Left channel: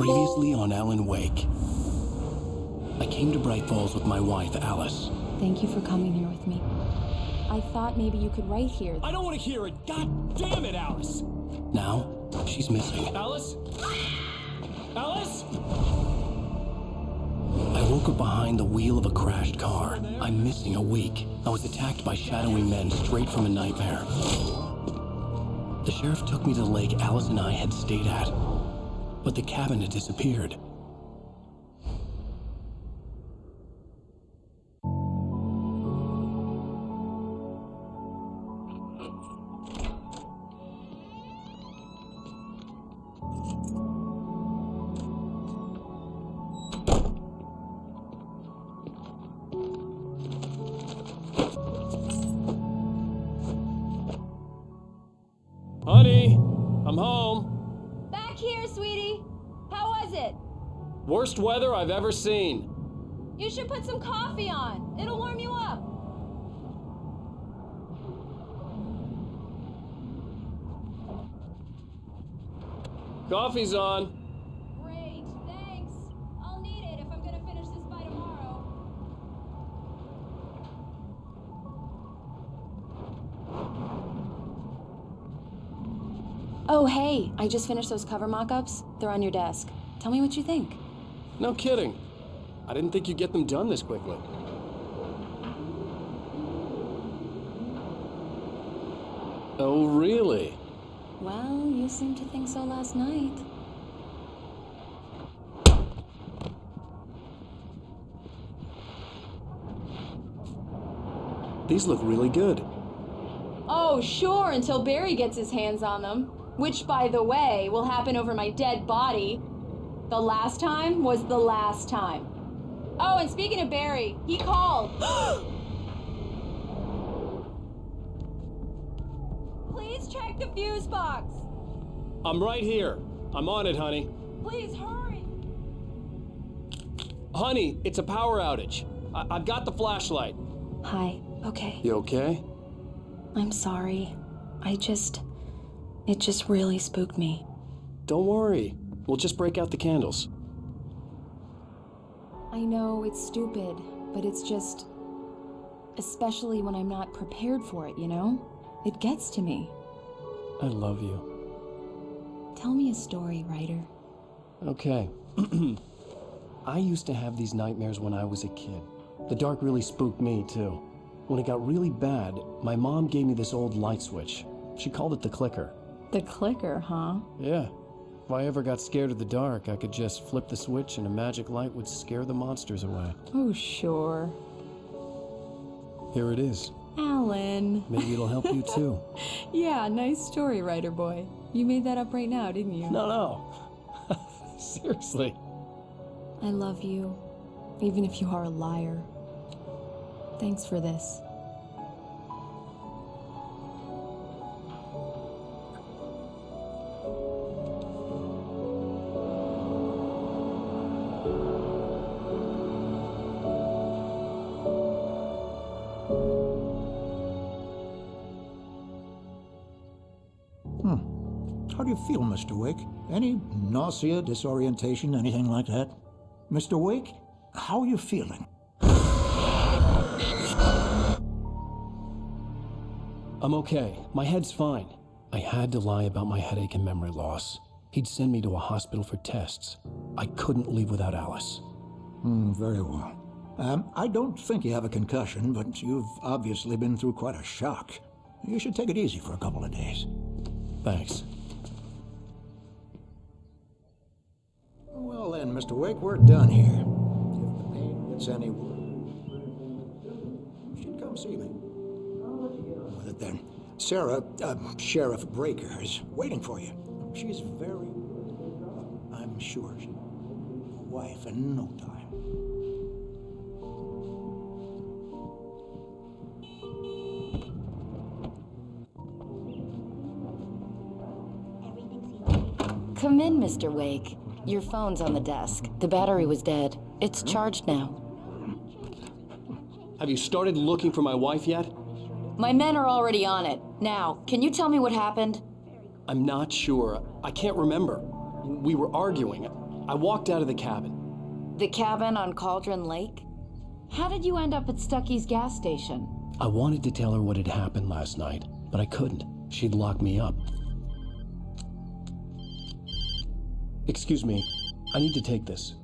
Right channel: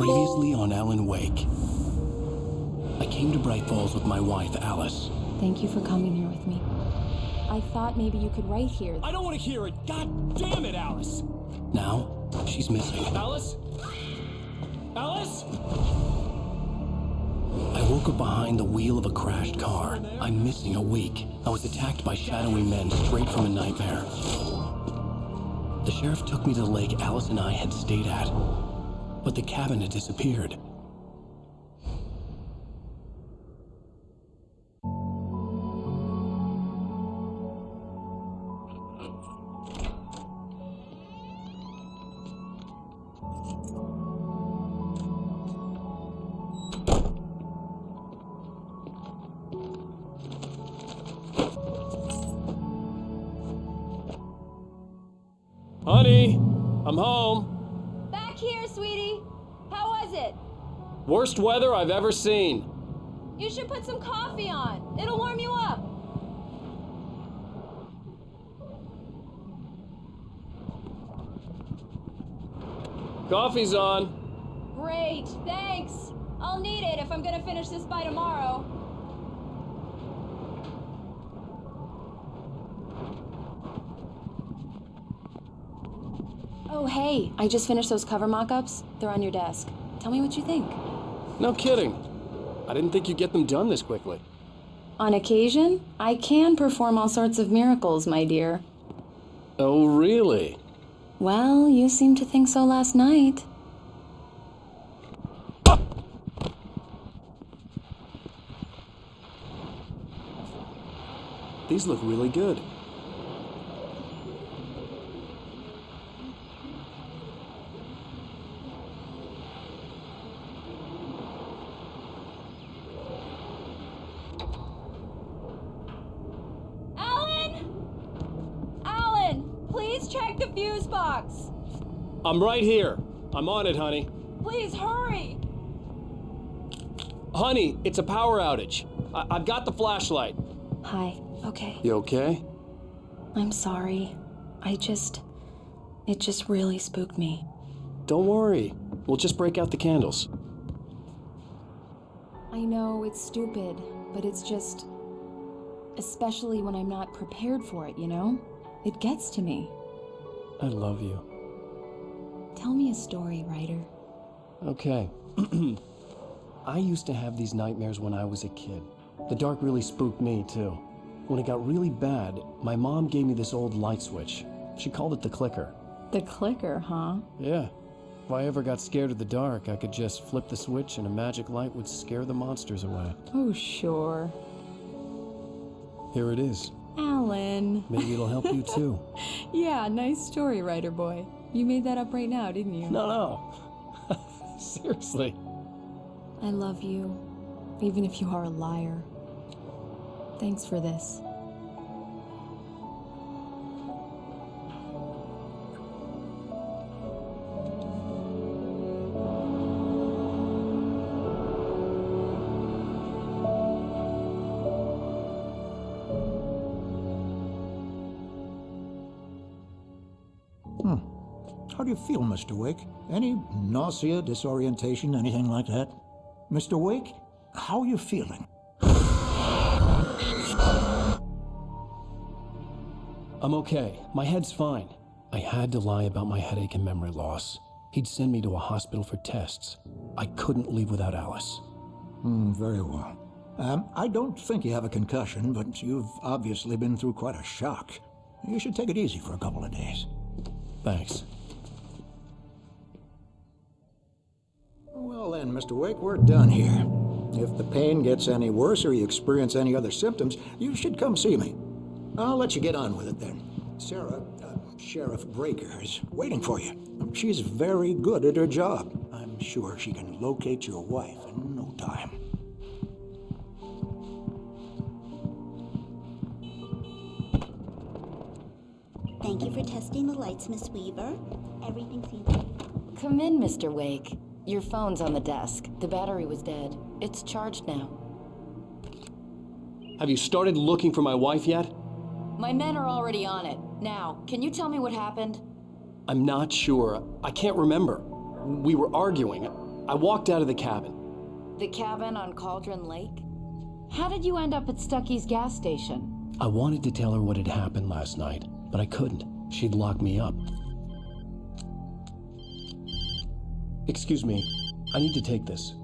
Previously on Alan Wake. I came to Bright Falls with my wife, Alice. Thank you for coming here with me. I thought maybe you could write here. I don't want to hear it! God damn it, Alice! Now, she's missing. Alice? Alice? I woke up behind the wheel of a crashed car. I'm missing a week. I was attacked by shadowy men straight from a nightmare. The sheriff took me to the lake Alice and I had stayed at, but the cabin had disappeared. Honey, I'm home. Back here, sweetie. How was it? Worst weather I've ever seen. You should put some coffee on. It'll warm you up. Coffee's on. Great, thanks. I'll need it if I'm gonna finish this by tomorrow. Oh, hey, I just finished those cover mock-ups. They're on your desk. Tell me what you think. No kidding. I didn't think you'd get them done this quickly. On occasion, I can perform all sorts of miracles, my dear. Oh, really? Well, you seemed to think so last night. These look really good. Oh, sure, until Barry gets his hands on them. Which, by the way, will happen over my dead body. The last time was the last time. Oh, and speaking of Barry, he called. Alan? Alan, please check the fuse box. I'm right here. I'm on it, honey. Please hurry. Honey, it's a power outage. I've got the flashlight. Hi, okay. You okay? I'm sorry. It just really spooked me. Don't worry. We'll just break out the candles. I know it's stupid, but it's just... especially when I'm not prepared for it, you know? It gets to me. I love you. Tell me a story, writer. Okay. I used to have these nightmares when I was a kid. The dark really spooked me, too. When it got really bad, my mom gave me this old light switch. She called it the clicker. The clicker, huh? Yeah. If I ever got scared of the dark, I could just flip the switch and a magic light would scare the monsters away. Oh, sure. Here it is. Alan. Maybe it'll help you too. Yeah, nice story, writer boy. You made that up right now, didn't you? No. Seriously. I love you, even if you are a liar. Thanks for this. How do you feel, Mr. Wake? Any nausea, disorientation, anything like that? Mr. Wake, how are you feeling? I'm okay. My head's fine. I had to lie about my headache and memory loss. He'd send me to a hospital for tests. I couldn't leave without Alice. Very well. I don't think you have a concussion, but you've obviously been through quite a shock. You should take it easy for a couple of days. Thanks. Well then, Mr. Wake, we're done here. If the pain gets any worse or you experience any other symptoms, you should come see me. I'll let you get on with it then. Sarah, Sheriff Breaker, is waiting for you. She's very good at her job. I'm sure she can locate your wife in no time. Thank you for testing the lights, Miss Weaver. Everything seems to be... Come in, Mr. Wake. Your phone's on the desk. The battery was dead. It's charged now. Have you started looking for my wife yet? My men are already on it. Now, can you tell me what happened? I'm not sure. I can't remember. We were arguing. I walked out of the cabin. The cabin on Cauldron Lake? How did you end up at Stucky's gas station? I wanted to tell her what had happened last night, but I couldn't. She'd lock me up. Excuse me, I need to take this.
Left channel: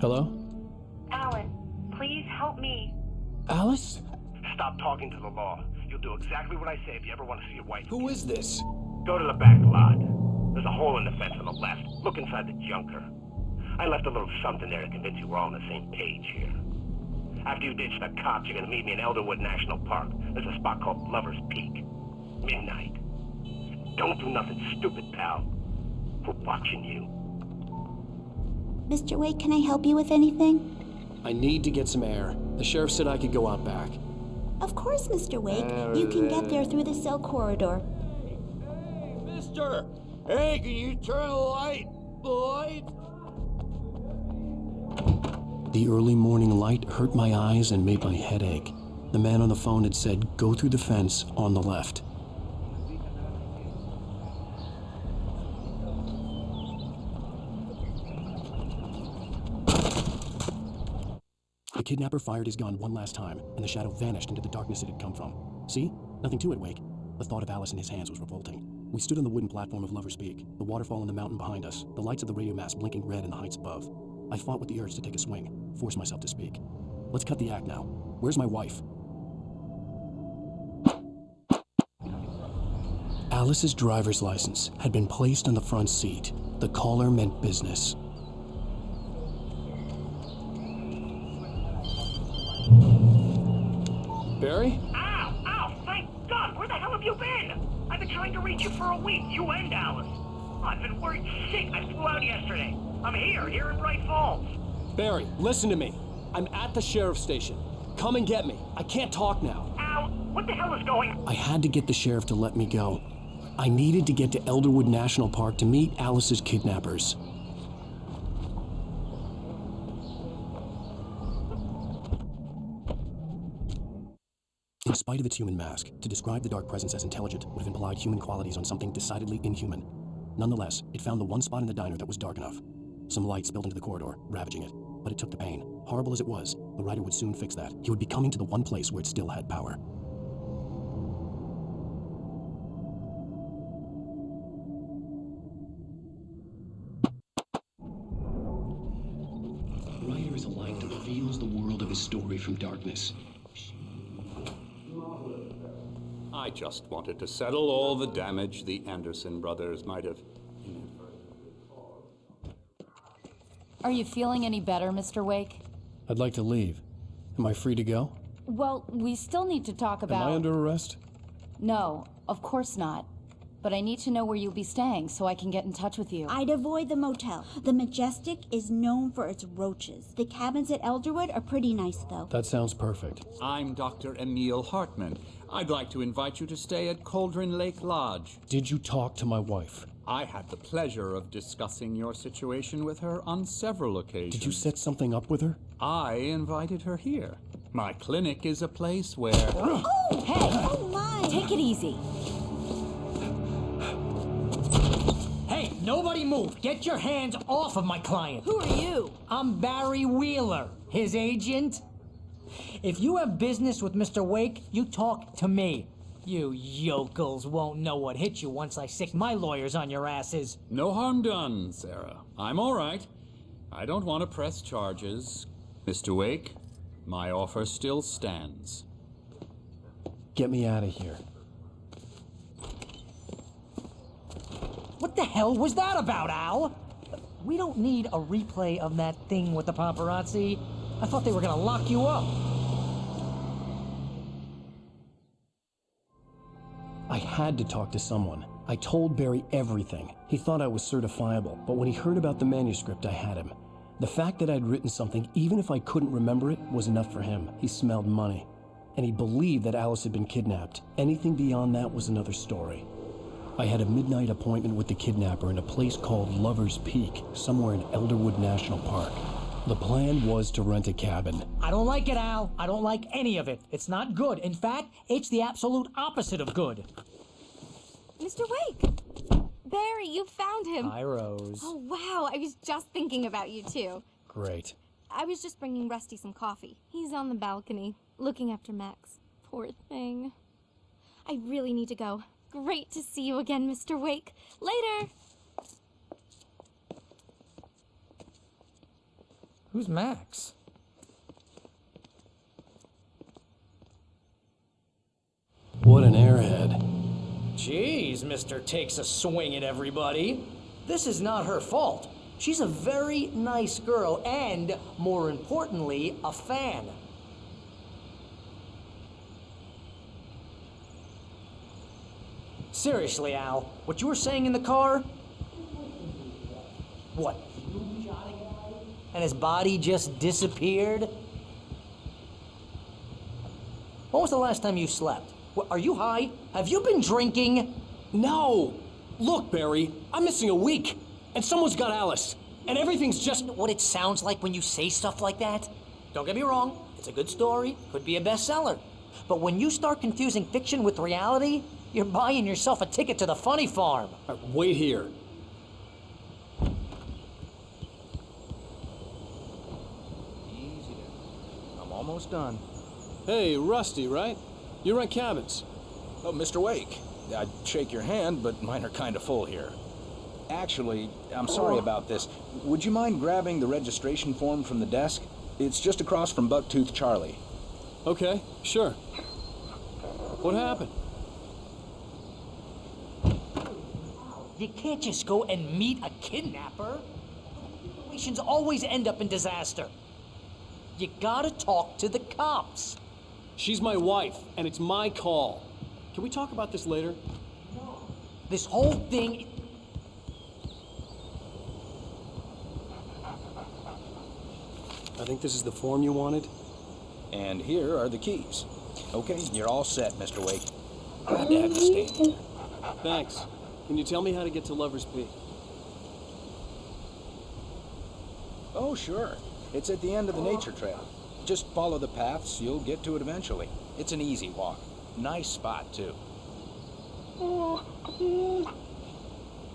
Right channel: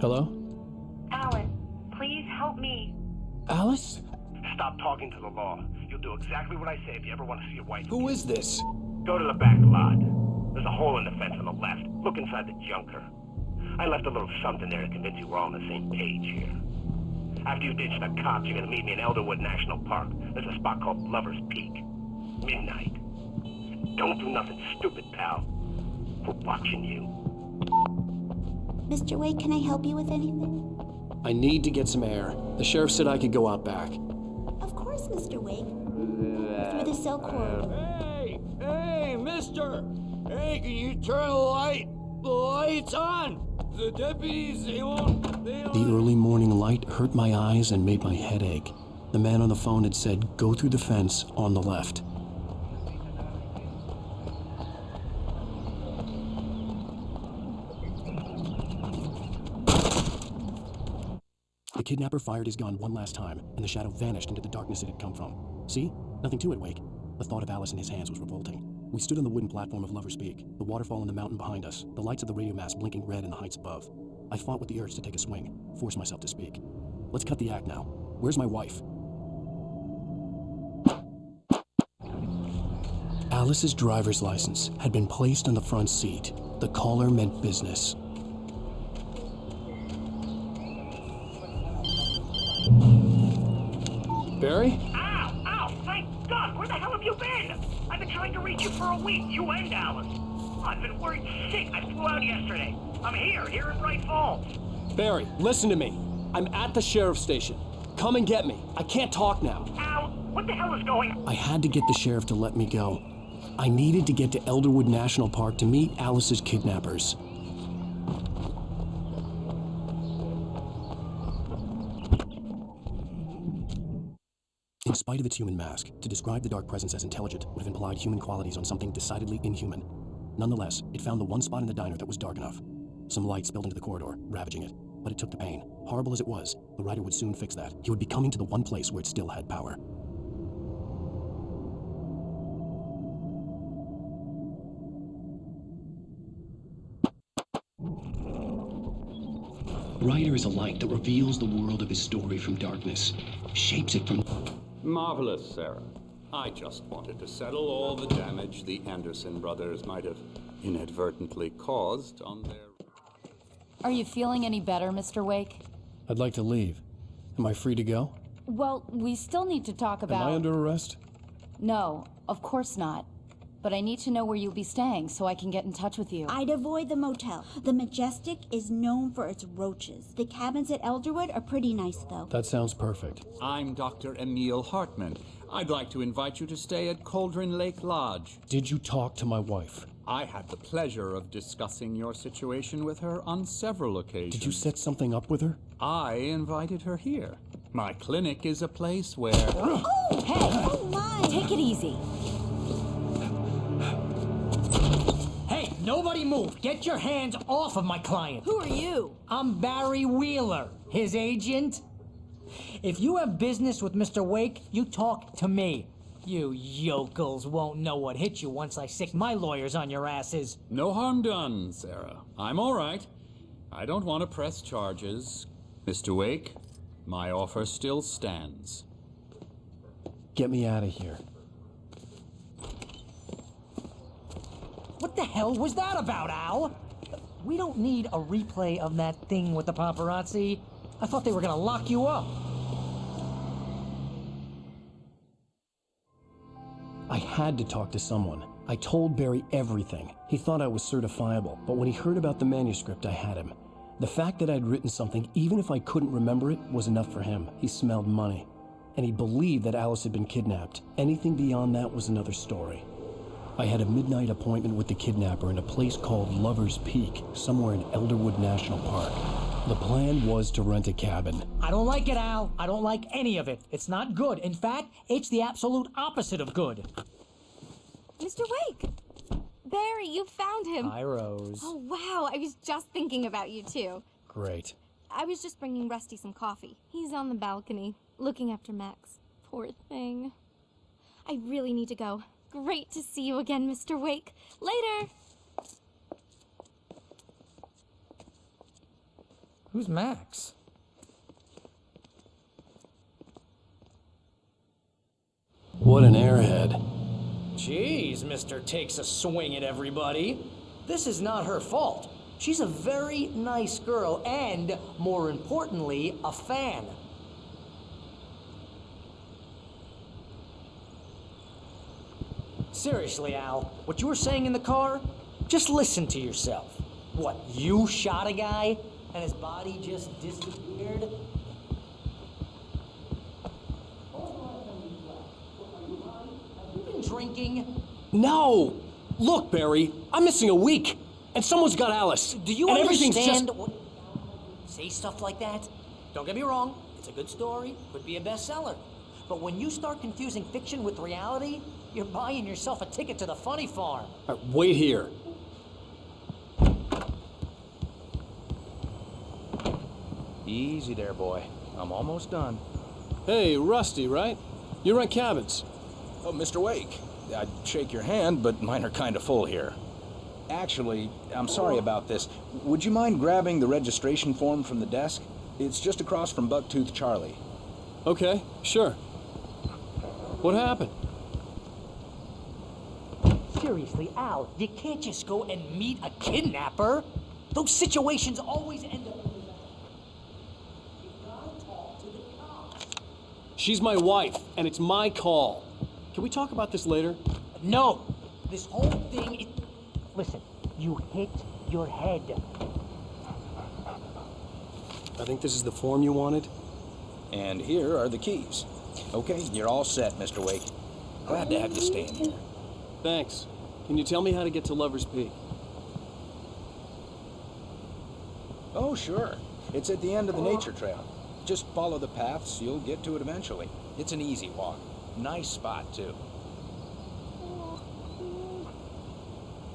Hello? Alan, please help me. Alice? Stop talking to the law. You'll do exactly what I say if you ever want to see your wife. Who is this? Go to the back lot. There's a hole in the fence on the left. Look inside the junker. I left a little something there to convince you we're all on the same page here. After you ditch the cops, you're gonna meet me in Elderwood National Park. There's a spot called Lover's Peak. Midnight. Don't do nothing stupid, pal. We're watching you. Mr. Wake, can I help you with anything? I need to get some air. The sheriff said I could go out back. Of course, Mr. Wake. You can get there through the cell corridor. Hey, mister! Hey, can you turn the light? The light's on! The deputies, they won't... The early morning light hurt my eyes and made my head ache. The man on the phone had said, go through the fence on the left. The kidnapper fired his gun one last time, and the shadow vanished into the darkness it had come from. See? Nothing to it, Wake. The thought of Alice in his hands was revolting. We stood on the wooden platform of Lover's Peak, the waterfall in the mountain behind us, the lights of the radio mast blinking red in the heights above. I fought with the urge to take a swing, force myself to speak. Let's cut the act now. Where's my wife? Alice's driver's license had been placed on the front seat. The caller meant business. Barry? Ow! Ow! Thank God! Where the hell have you been? I've been trying to reach you for a week, you and Alice. I've been worried sick. I flew out yesterday. I'm here in Bright Falls. Barry, listen to me. I'm at the sheriff's station. Come and get me. I can't talk now. Al, what the hell is going on? I had to get the sheriff to let me go. I needed to get to Elderwood National Park to meet Alice's kidnappers. In spite of its human mask, to describe the dark presence as intelligent would have implied human qualities on something decidedly inhuman. Nonetheless, it found the one spot in the diner that was dark enough. Some light spilled into the corridor, ravaging it. But it took the pain. Horrible as it was, the writer would soon fix that. He would be coming to the one place where it still had power. Writer is a light that reveals the world of his story from darkness, shapes it from... Marvelous, Sarah. I just wanted to settle all the damage the Anderson brothers might have inadvertently caused on their... Are you feeling any better, Mr. Wake? I'd like to leave. Am I free to go? Well, we still need to talk about... Am I under arrest? No, of course not. But I need to know where you'll be staying so I can get in touch with you. I'd avoid the motel. The Majestic is known for its roaches. The cabins at Elderwood are pretty nice, though. That sounds perfect. I'm Dr. Emil Hartman. I'd like to invite you to stay at Cauldron Lake Lodge. Did you talk to my wife? I had the pleasure of discussing your situation with her on several occasions. Did you set something up with her? I invited her here. My clinic is a place where... Oh! Hey! Oh, my! Take it easy. Hey, nobody move! Get your hands off of my client! Who are you? I'm Barry Wheeler, his agent. If you have business with Mr. Wake, you talk to me. You yokels won't know what hit you once I sick my lawyers on your asses. No harm done, Sarah. I'm all right. I don't want to press charges. Mr. Wake, my offer still stands. Get me out of here. What the hell was that about, Al? We don't need a replay of that thing with the paparazzi. I thought they were gonna lock you up. I had to talk to someone. I told Barry everything. He thought I was certifiable, but when he heard about the manuscript, I had him. The fact that I'd written something, even if I couldn't remember it, was enough for him. He smelled money. And he believed that Alice had been kidnapped. Anything beyond that was another story. I had a midnight appointment with the kidnapper in a place called Lover's Peak, somewhere in Elderwood National Park. The plan was to rent a cabin. I don't like it, Al. I don't like any of it. It's not good. In fact, it's the absolute opposite of good. Mr. Wake! Barry, you found him. Hi, Rose. Oh, wow. I was just thinking about you, too. Great. I was just bringing Rusty some coffee. He's on the balcony, looking after Max. Poor thing. I really need to go. Great to see you again, Mr. Wake. Later! Who's Max? What an airhead. Jeez, Mr. Takes a swing at everybody. This is not her fault. She's a very nice girl and, more importantly, a fan. Seriously, Al, what you were saying in the car? Just listen to yourself. What, you shot a guy and his body just disappeared? When was the last time you slept? Are you high? Have you been drinking? No! Look, Barry, I'm missing a week, and someone's got Alice. Do you and understand everything's just... what it sounds like when you say stuff like that? Don't get me wrong, it's a good story, could be a bestseller. But when you start confusing fiction with reality, you're buying yourself a ticket to the funny farm. All right, wait here. Easy there, boy. I'm almost done. Hey, Rusty, right? You rent cabins. Oh, Mr. Wake. I'd shake your hand, but mine are kind of full here. Actually, I'm sorry about this. Would you mind grabbing the registration form from the desk? It's just across from Bucktooth Charlie. Okay, sure. What happened? Seriously, Al, you can't just go and meet a kidnapper. Those situations always end up in disaster. You gotta talk to the cops. She's my wife, and it's my call. Can we talk about this later? No, this whole thing is... Listen, you hit your head. I think this is the form you wanted. And here are the keys. Okay, you're all set, Mr. Wake. Glad to have you staying here. Thanks. Can you tell me how to get to Lover's Peak? Oh, sure. It's at the end of the nature trail. Just follow the paths, you'll get to it eventually. It's an easy walk. Nice spot, too.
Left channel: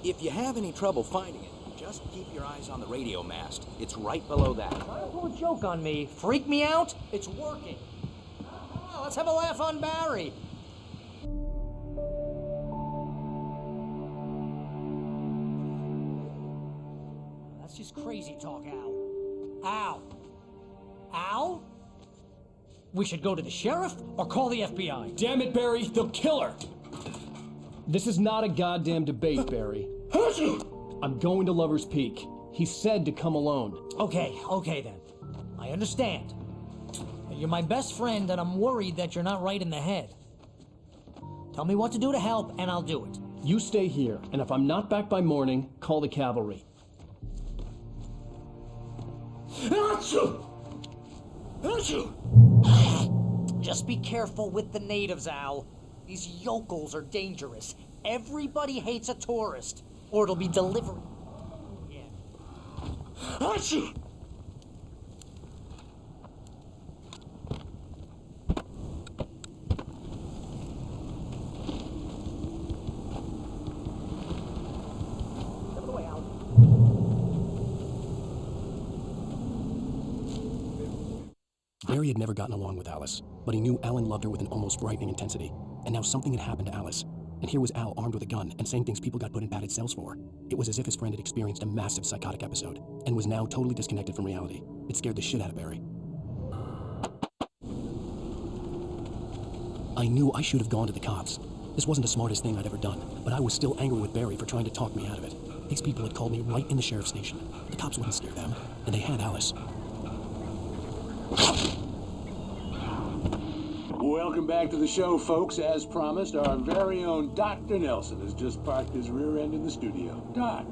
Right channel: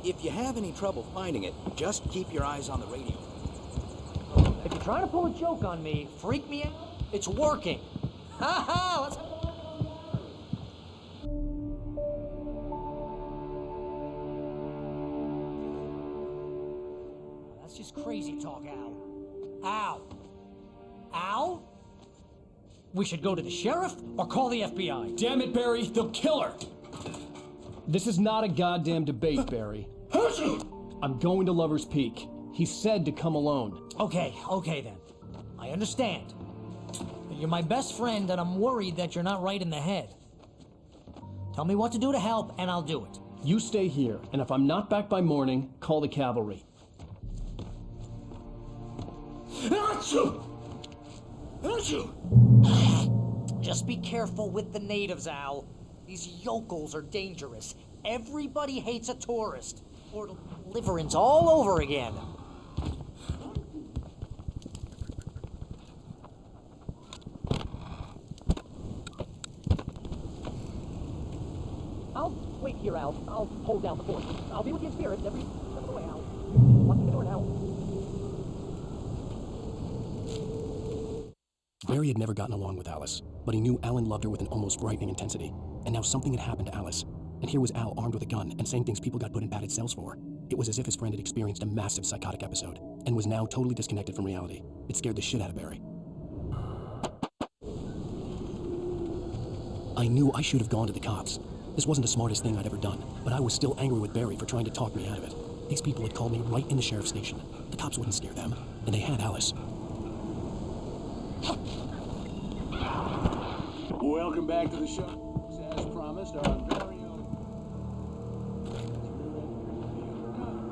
If you have any trouble finding it, just keep your eyes on the radio mast. It's right below that. Trying to pull a joke on me, freak me out? It's working. Ha ha, let's have a laugh on Barry. That's just crazy talk, Al. Al. Al? We should go to the sheriff or call the FBI. Damn it, Barry, they'll kill her! This is not a goddamn debate, Barry. I'm going to Lover's Peak. He said to come alone. Okay then. I understand. You're my best friend, and I'm worried that you're not right in the head. Tell me what to do to help, and I'll do it. You stay here, and if I'm not back by morning, call the cavalry. Just be careful with the natives, Al. These yokels are dangerous. Everybody hates a tourist, or it'll be Deliverance all over again. I'll wait here, Al. I'll hold down the fort. I'll be with you here every step of the way, Al. What's the door, Al? Barry had never gotten along with Alice, but he knew Alan loved her with an almost frightening intensity. And now something had happened to Alice. And here was Al armed with a gun and saying things people got put in padded cells for. It was as if his friend had experienced a massive psychotic episode and was now totally disconnected from reality. It scared the shit out of Barry. I knew I should have gone to the cops. This wasn't the smartest thing I'd ever done, but I was still angry with Barry for trying to talk me out of it. These people had called me right in the sheriff's station. The cops wouldn't scare them, and they had Alice. Welcome back to the show, folks. As promised, our very own Dr. Nelson has just parked his rear end in the studio. Doc,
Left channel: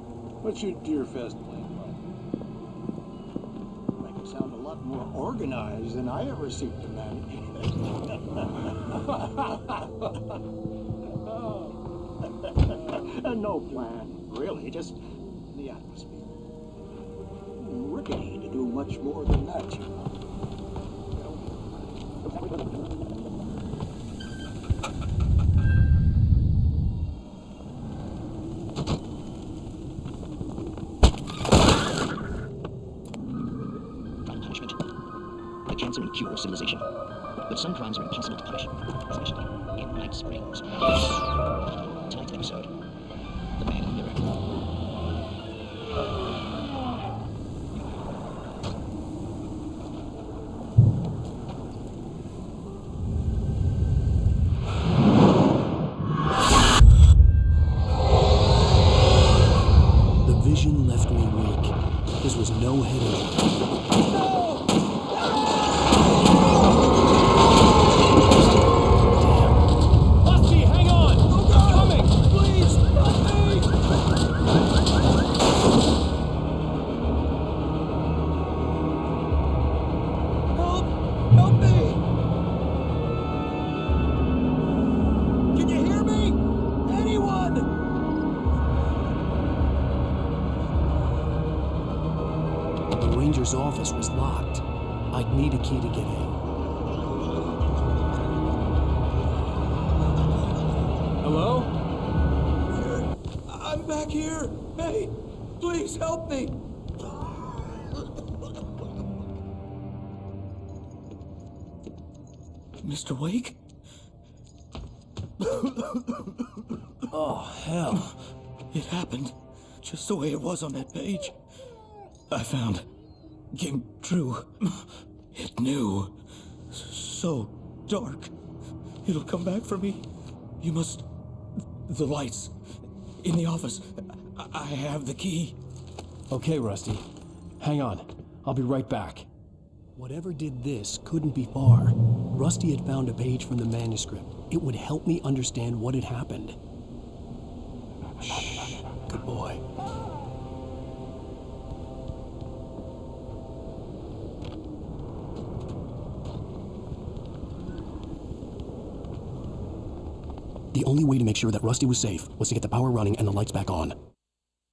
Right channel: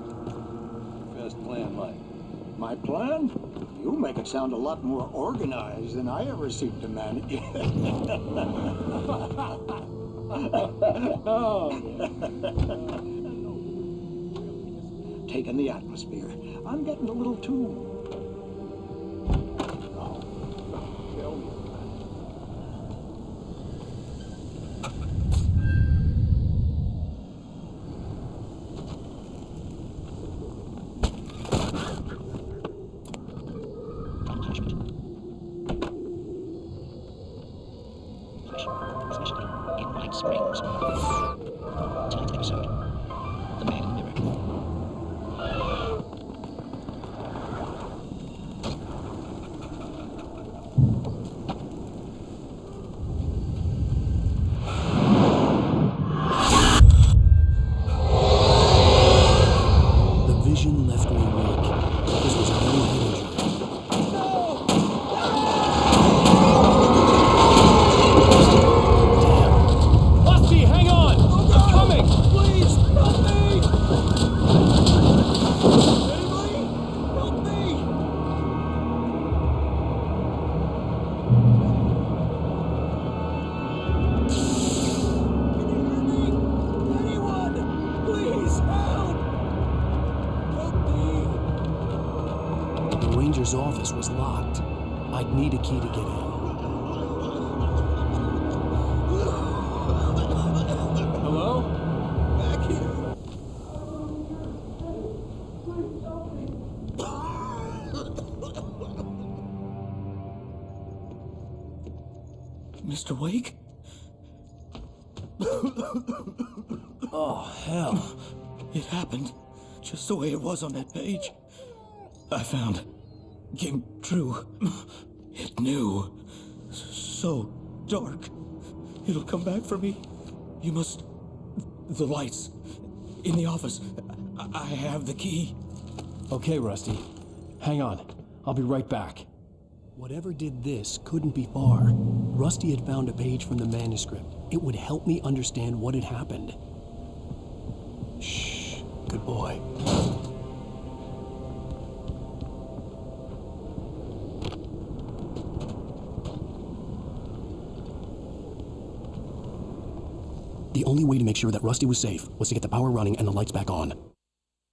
what's your Deer Fest plan like? My plan? You make it sound a lot more organized than I ever seem to manage. No plan, really, just taking the atmosphere. I'm getting a little too rickety to do much more than that, you know. Tell me about it. Some crimes are impossible to punish, especially in Night Springs. Tonight's episode, The Man in the Mirror. The vision left me weak. This was no head injury. Rusty, hang on! I'm coming! Please, help me! Help me! Can you hear me? Anyone! Please, help! The ranger's office was locked. I'd need a key to get in. Hello? Back here! I'm back here! Hey, please help me! Mr. Wake? Oh, hell. It happened just the way it was on that page. I found. Came true. It knew. So dark. It'll come back for me. You must. The lights. In the office. I have the key. Okay, Rusty. Hang on. I'll be right back. Whatever did this couldn't be far. Rusty had found a page from the manuscript. It would help me understand what had happened. Shh. Good boy. The only way to make sure that Rusty was safe was to get the power running and the lights back on.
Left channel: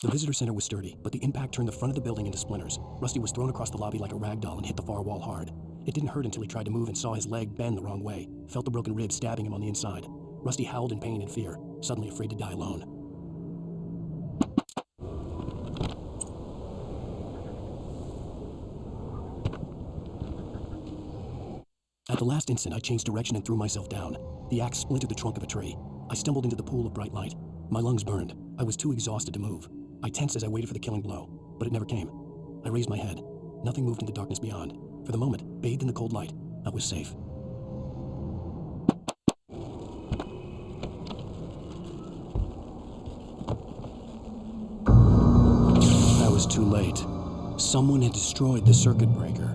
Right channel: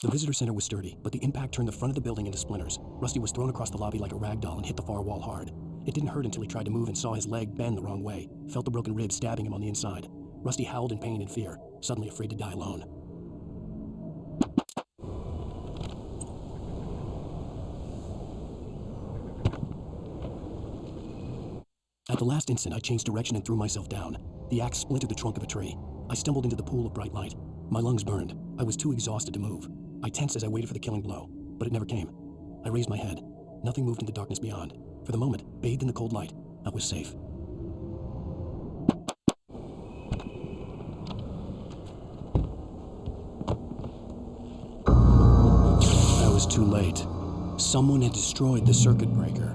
The visitor center was sturdy, but the impact turned the front of the building into splinters. Rusty was thrown across the lobby like a rag doll and hit the far wall hard. It didn't hurt until he tried to move and saw his leg bend the wrong way, felt the broken rib stabbing him on the inside. Rusty howled in pain and fear, suddenly afraid to die alone. At the last instant, I changed direction and threw myself down. The axe splintered the trunk of a tree. I stumbled into the pool of bright light. My lungs burned. I was too exhausted to move. I tensed as I waited for the killing blow, but it never came. I raised my head. Nothing moved in the darkness beyond. For the moment, bathed in the cold light, I was safe. I was too late. Someone had destroyed the circuit breaker.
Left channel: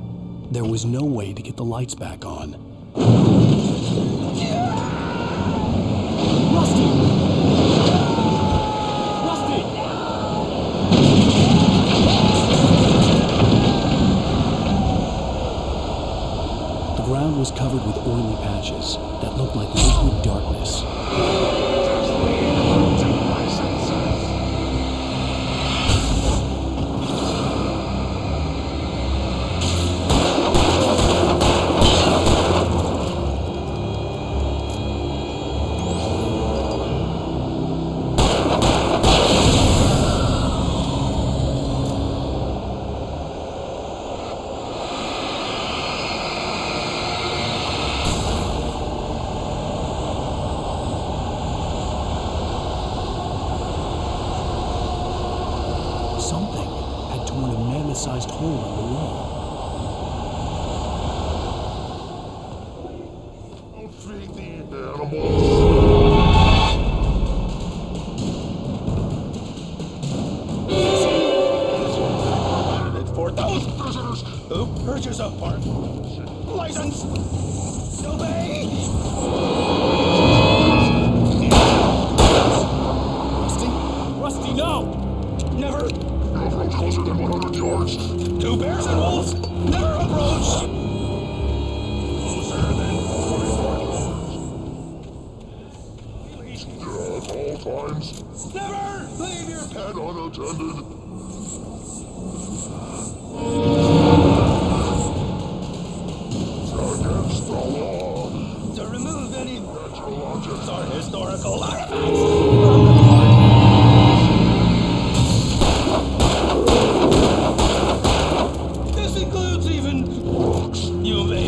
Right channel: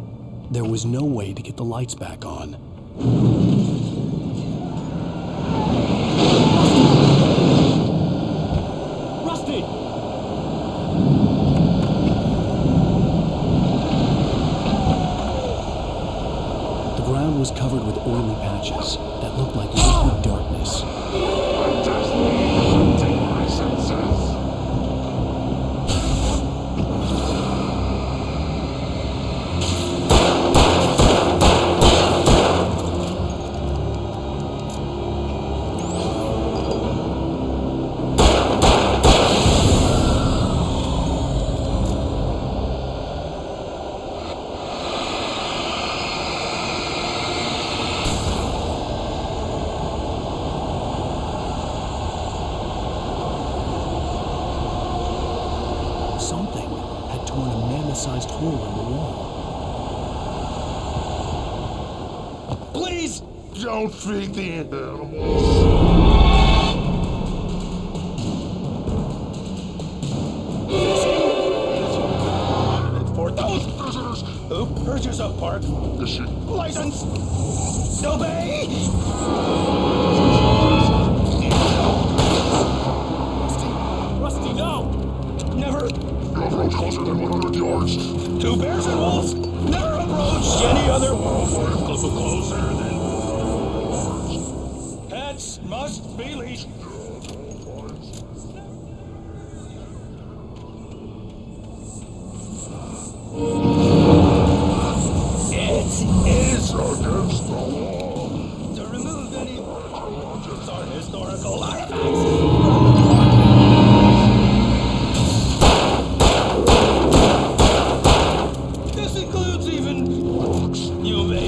There was no way to get the lights back on. Rusty! The ground was covered with oily patches that looked like liquid darkness. My senses. Something had torn a mammoth-sized hole in the wall. Please don't feed the animals. For those visitors who purchase a park license, obey! Rusty, no! Never! No approach closer than 100 yards. To bears and wolves, never approach any other. Closer than 45 yards. Pets must be leashed. Yeah, at all times. Never leave your Pet unattended. It is against the law to remove any natural objects or historical artifacts from the park. This includes even rocks. You may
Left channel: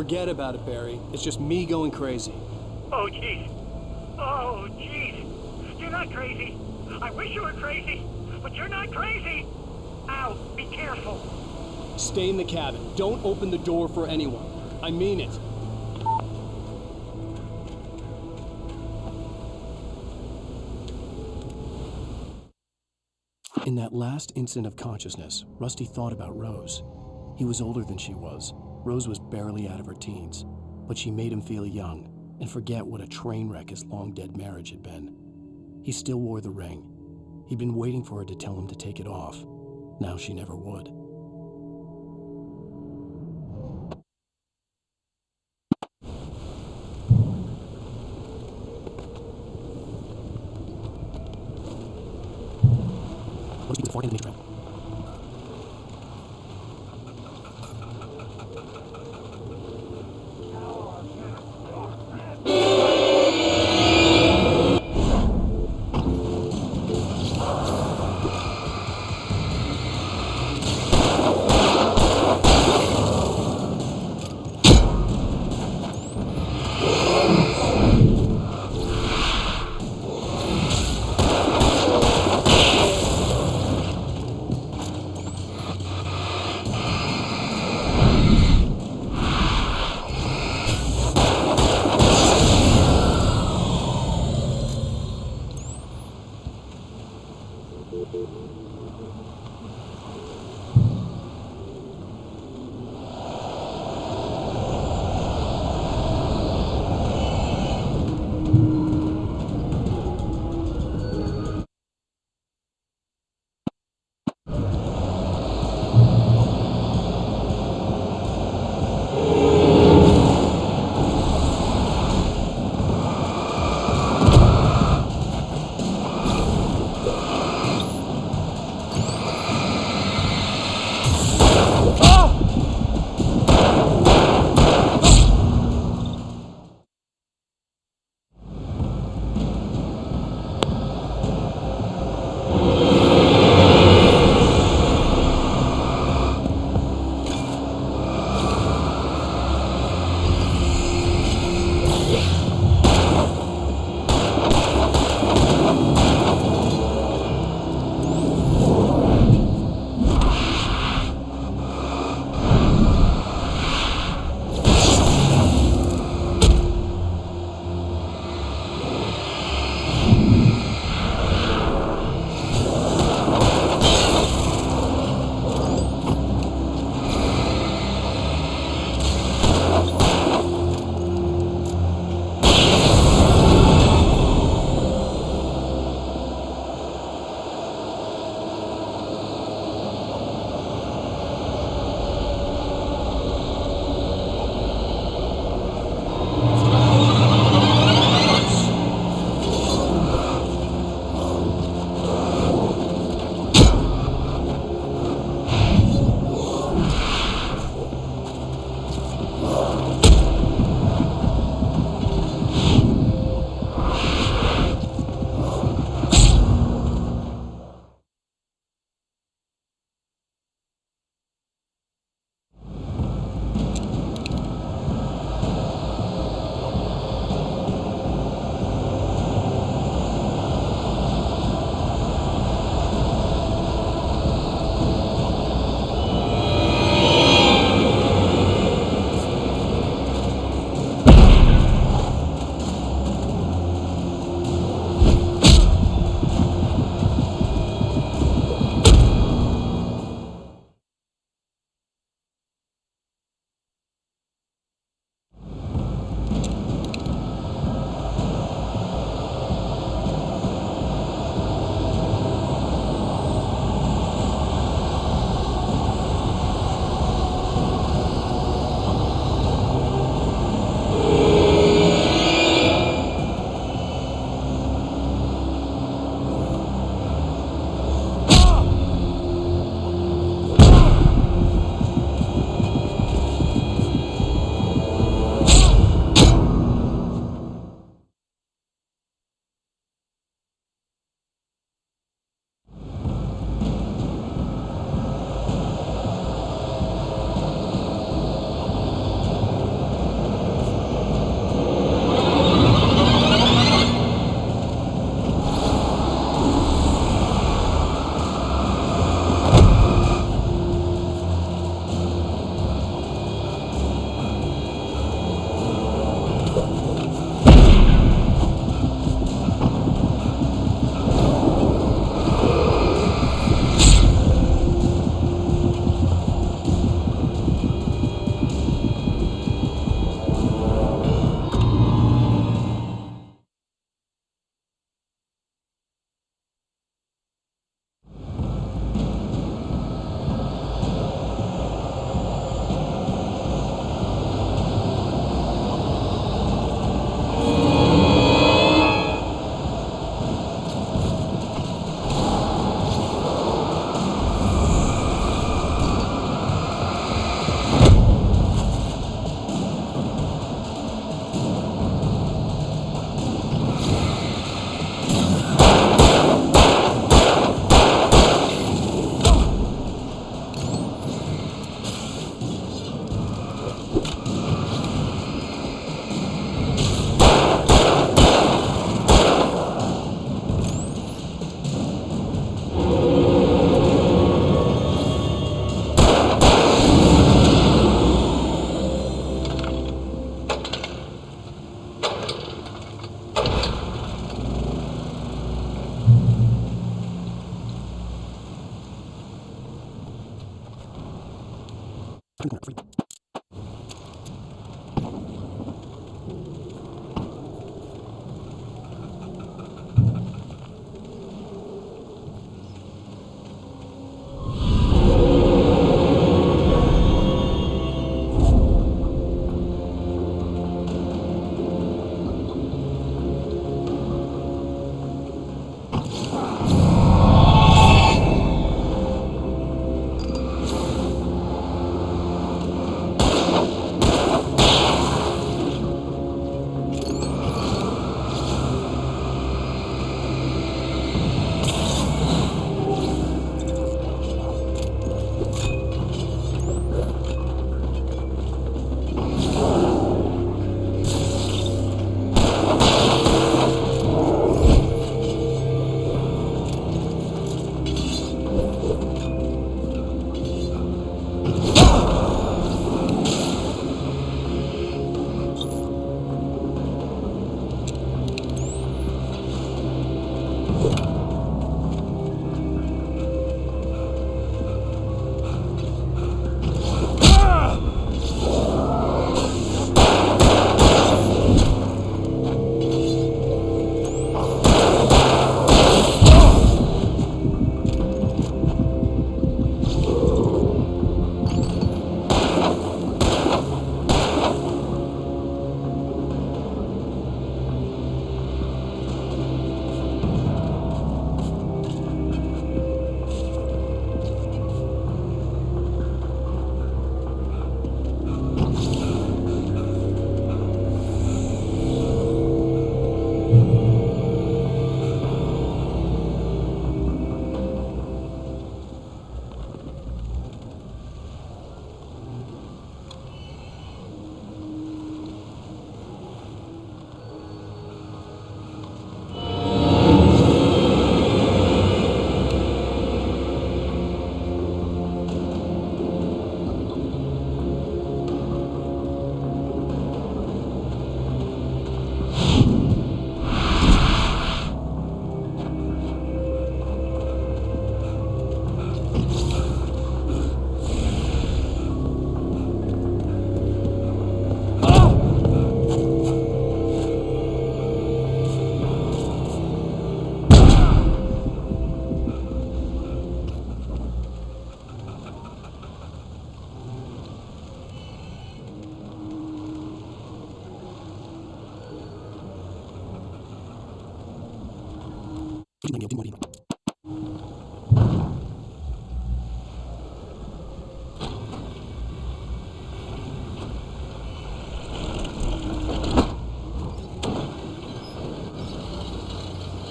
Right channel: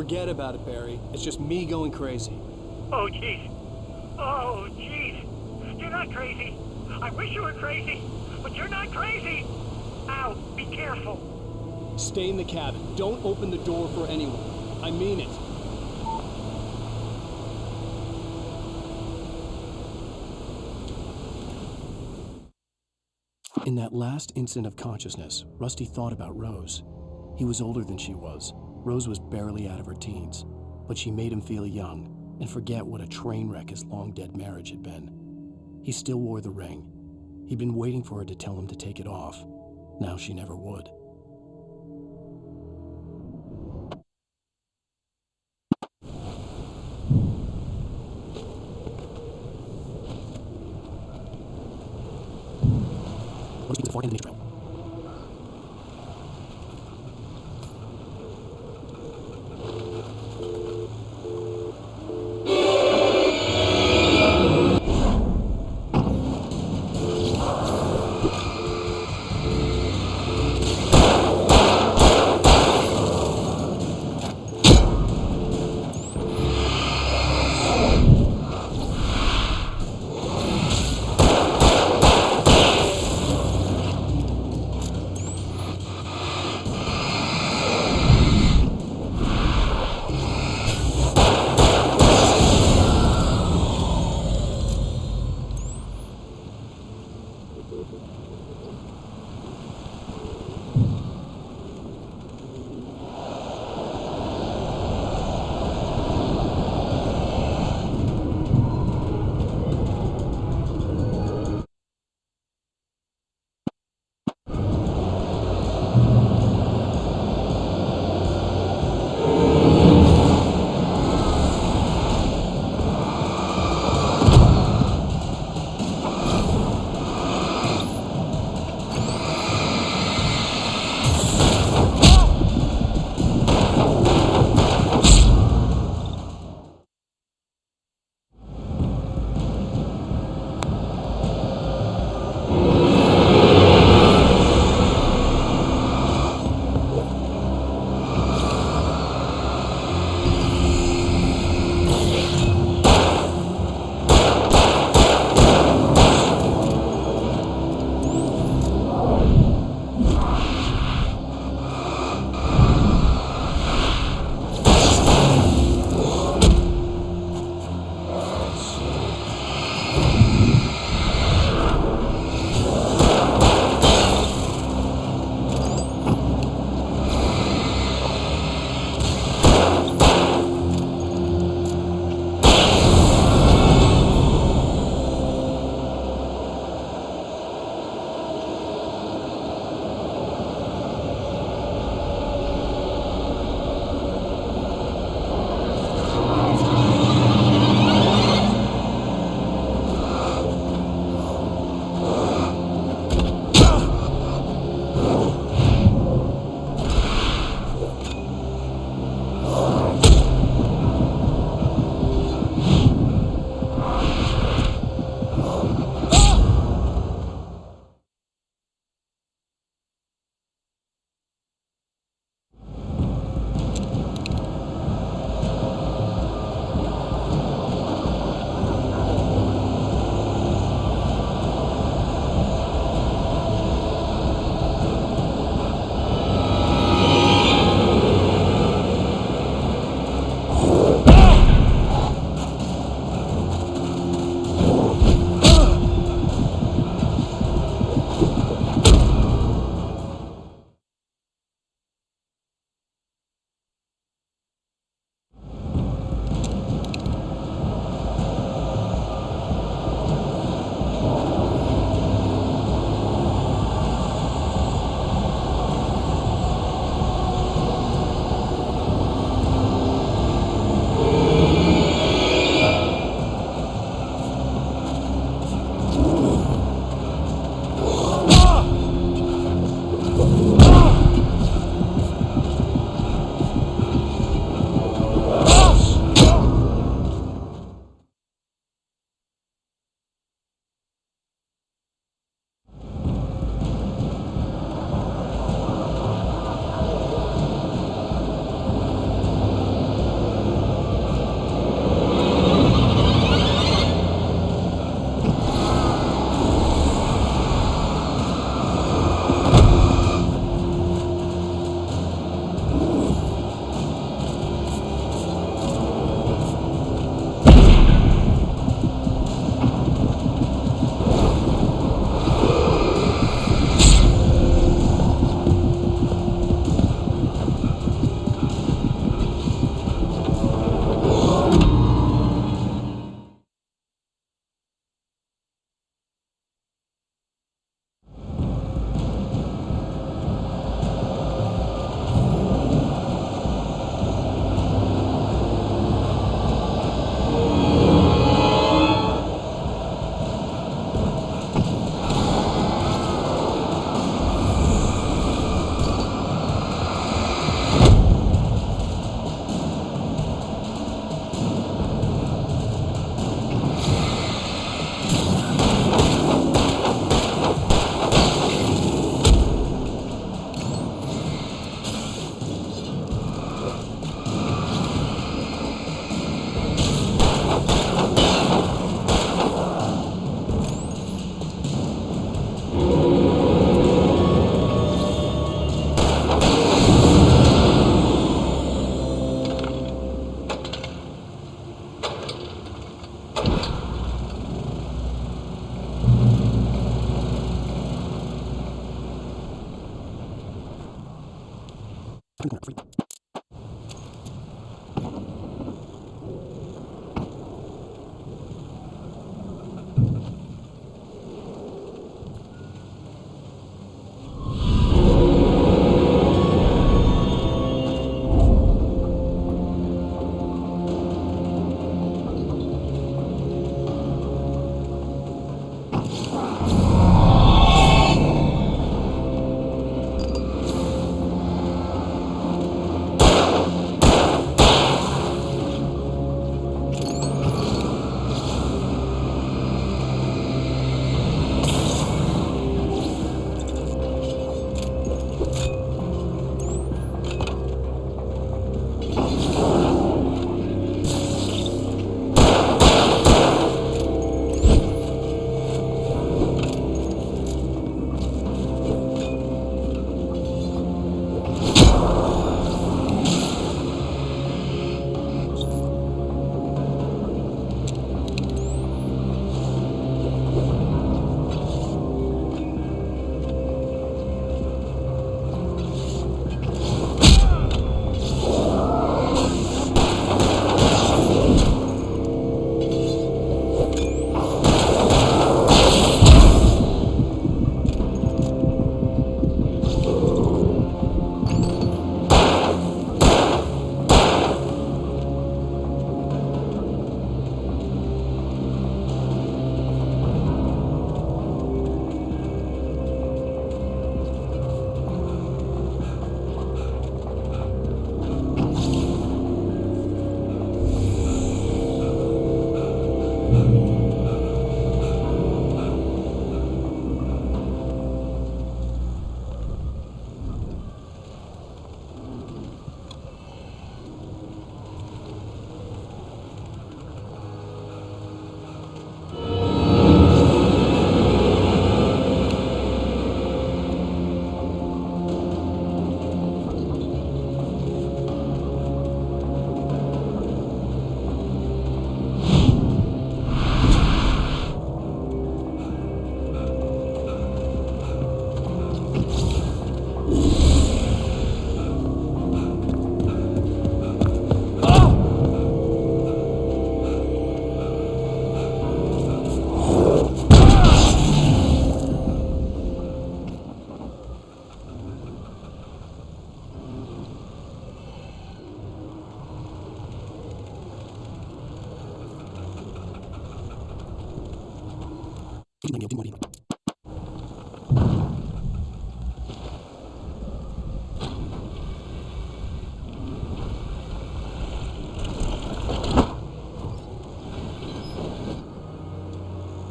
Forget about it, Barry. It's just me going crazy. Oh, jeez. Oh, jeez. You're not crazy. I wish you were crazy, but you're not crazy. Ow, be careful. Stay in the cabin. Don't open the door for anyone. I mean it. In that last instant of consciousness, Rusty thought about Rose. He was older than she was. Rose was barely out of her teens, but she made him feel young and forget what a train wreck his long-dead marriage had been. He still wore the ring. He'd been waiting for her to tell him to take it off. Now she never would. Rusty was far in the trail.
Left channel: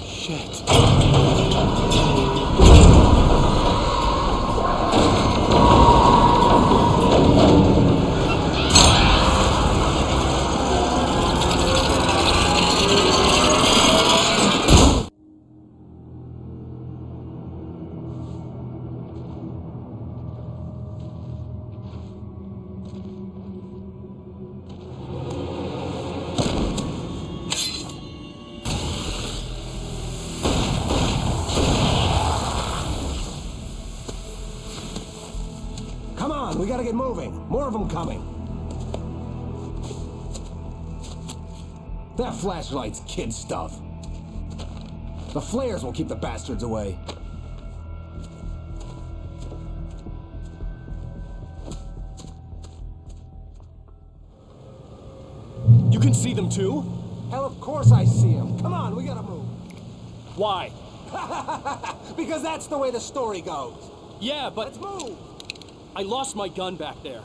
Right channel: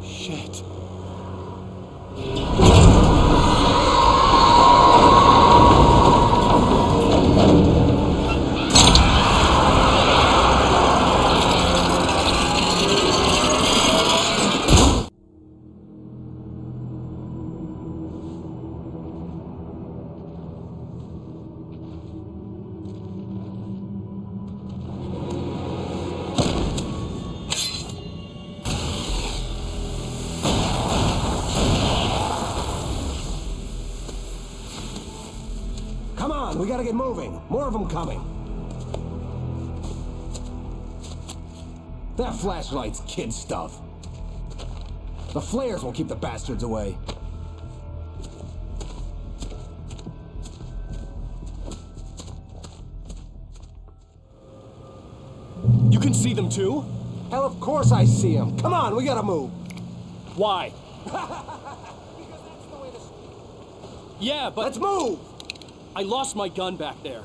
Shit. Come on, we gotta get moving. More of them coming. That flashlight's kid stuff. The flares will keep the bastards away. You can see them too? Hell, of course I see them. Come on, we gotta move. Why? Because that's the way the story goes. Yeah, but... Let's move! I lost my gun back there.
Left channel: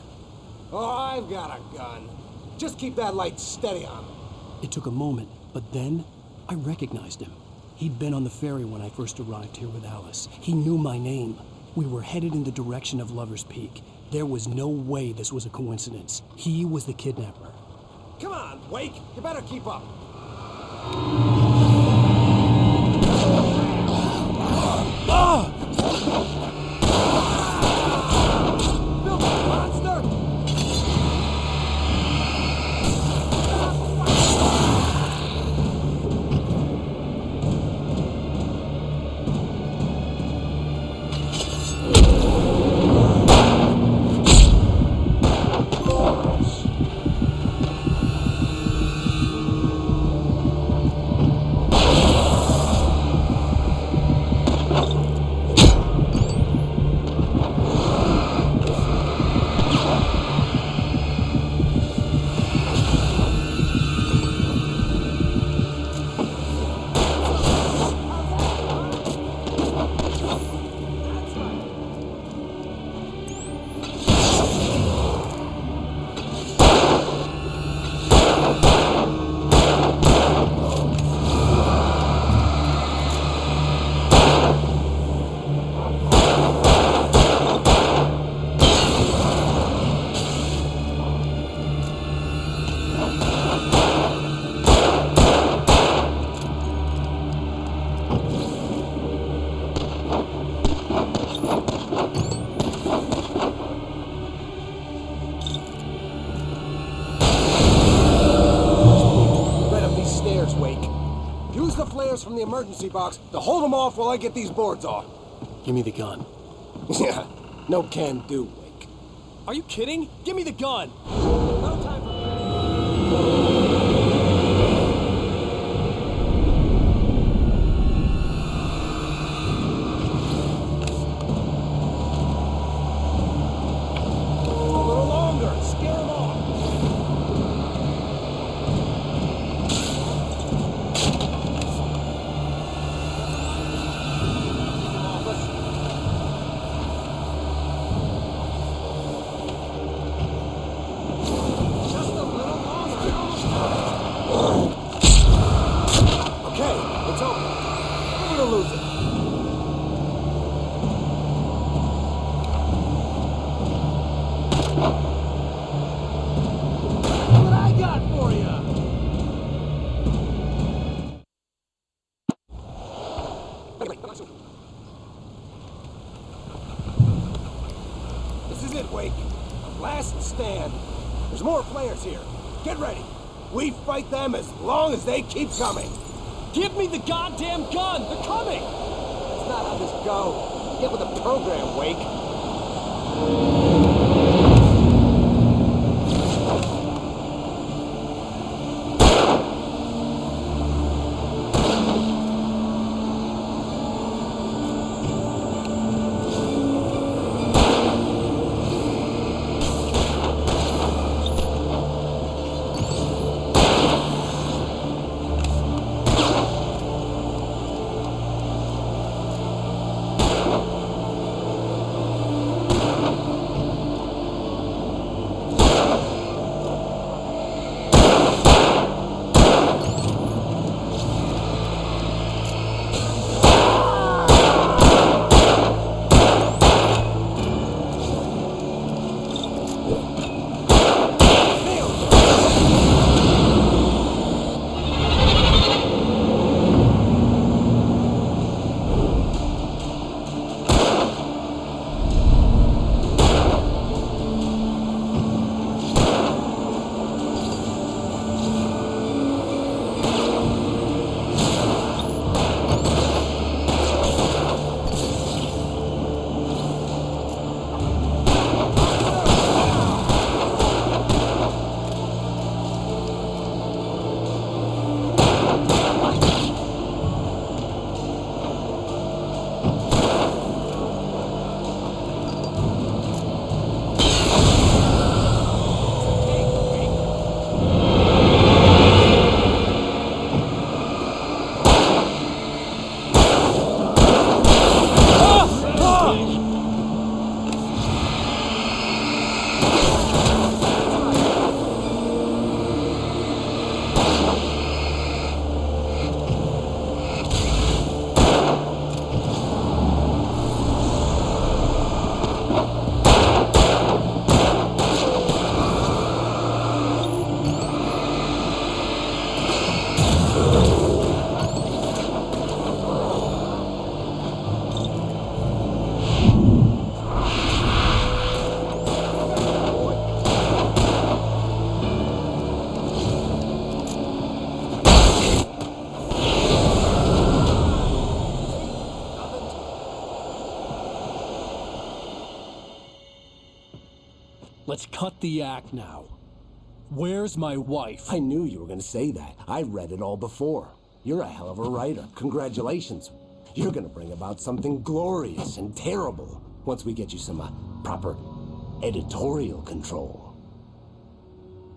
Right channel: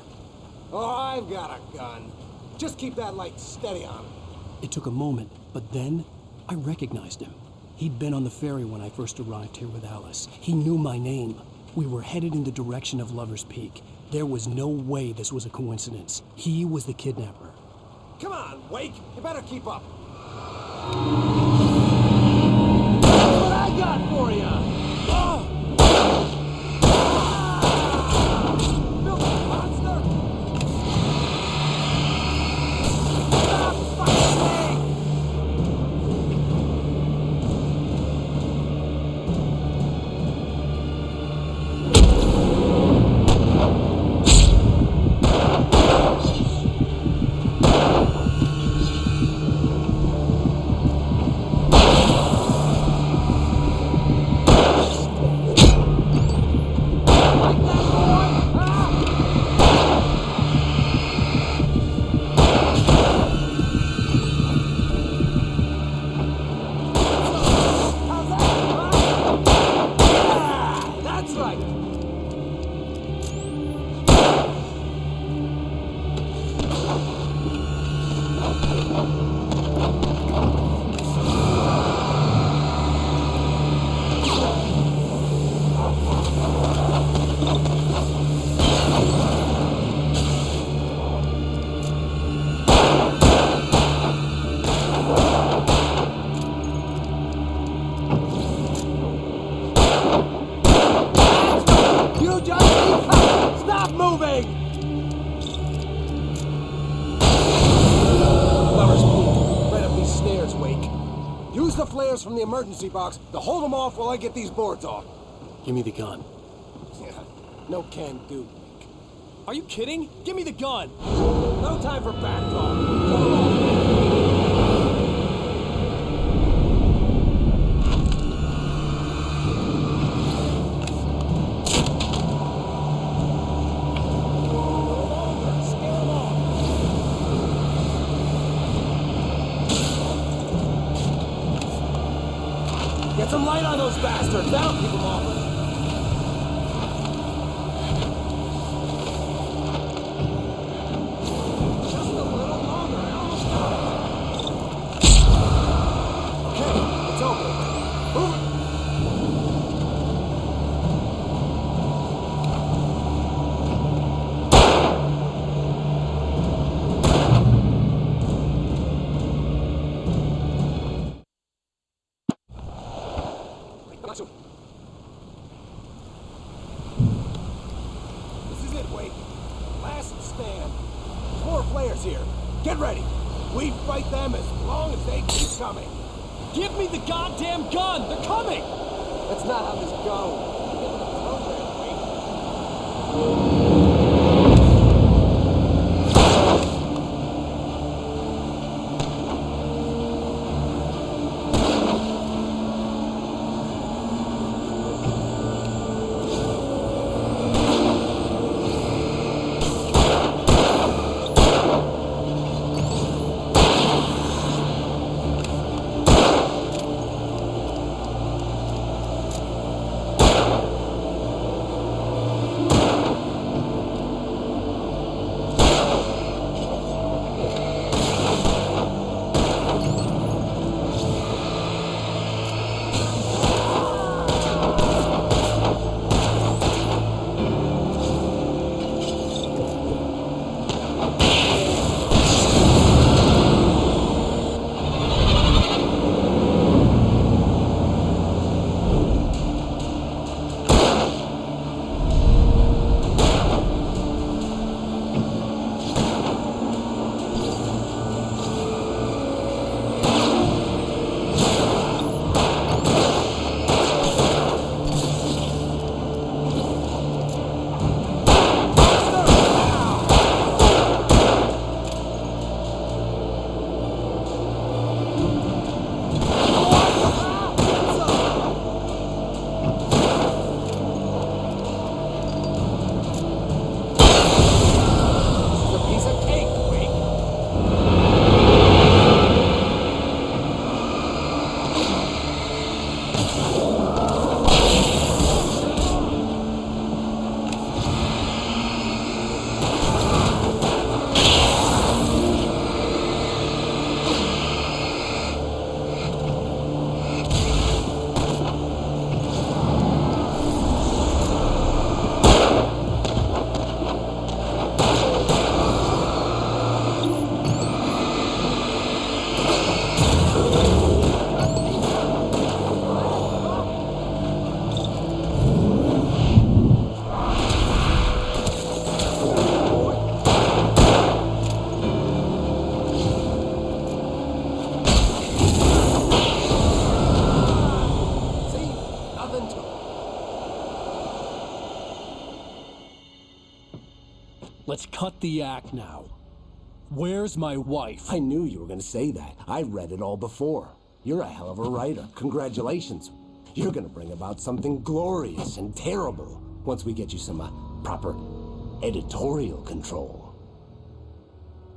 Oh, I've got a gun. Just keep that light steady on him. It took a moment, but then I recognized him. He'd been on the ferry when I first arrived here with Alice. He knew my name. We were headed in the direction of Lover's Peak. There was no way this was a coincidence. He was the kidnapper. Come on, Wake. You better keep up. What I got for you? Ah! Filthy monster! Stairs, Wake. Use the flares from the emergency box to hold them off while I get these boards off. Give me the gun. Yeah, no can do, Wake. Are you kidding? Give me the gun! No time for back talk. Get some light on those bastards. That'll keep them off us. Just a little longer. I almost got it. Okay, it's open. Move it or lose it. What I got for you? This is it, Wake. The last stand. There's more flares here. Get ready. We fight them as long as they keep coming. Give me the goddamn gun! They're coming! That's not how this goes. Get with the program, Wake. Let's cut the act now. Where's my wife? I knew you were going to say that. I read it all before. You're a hell of a writer. Congratulations. You're going to bring about something glorious and terrible once we get you some proper editorial control.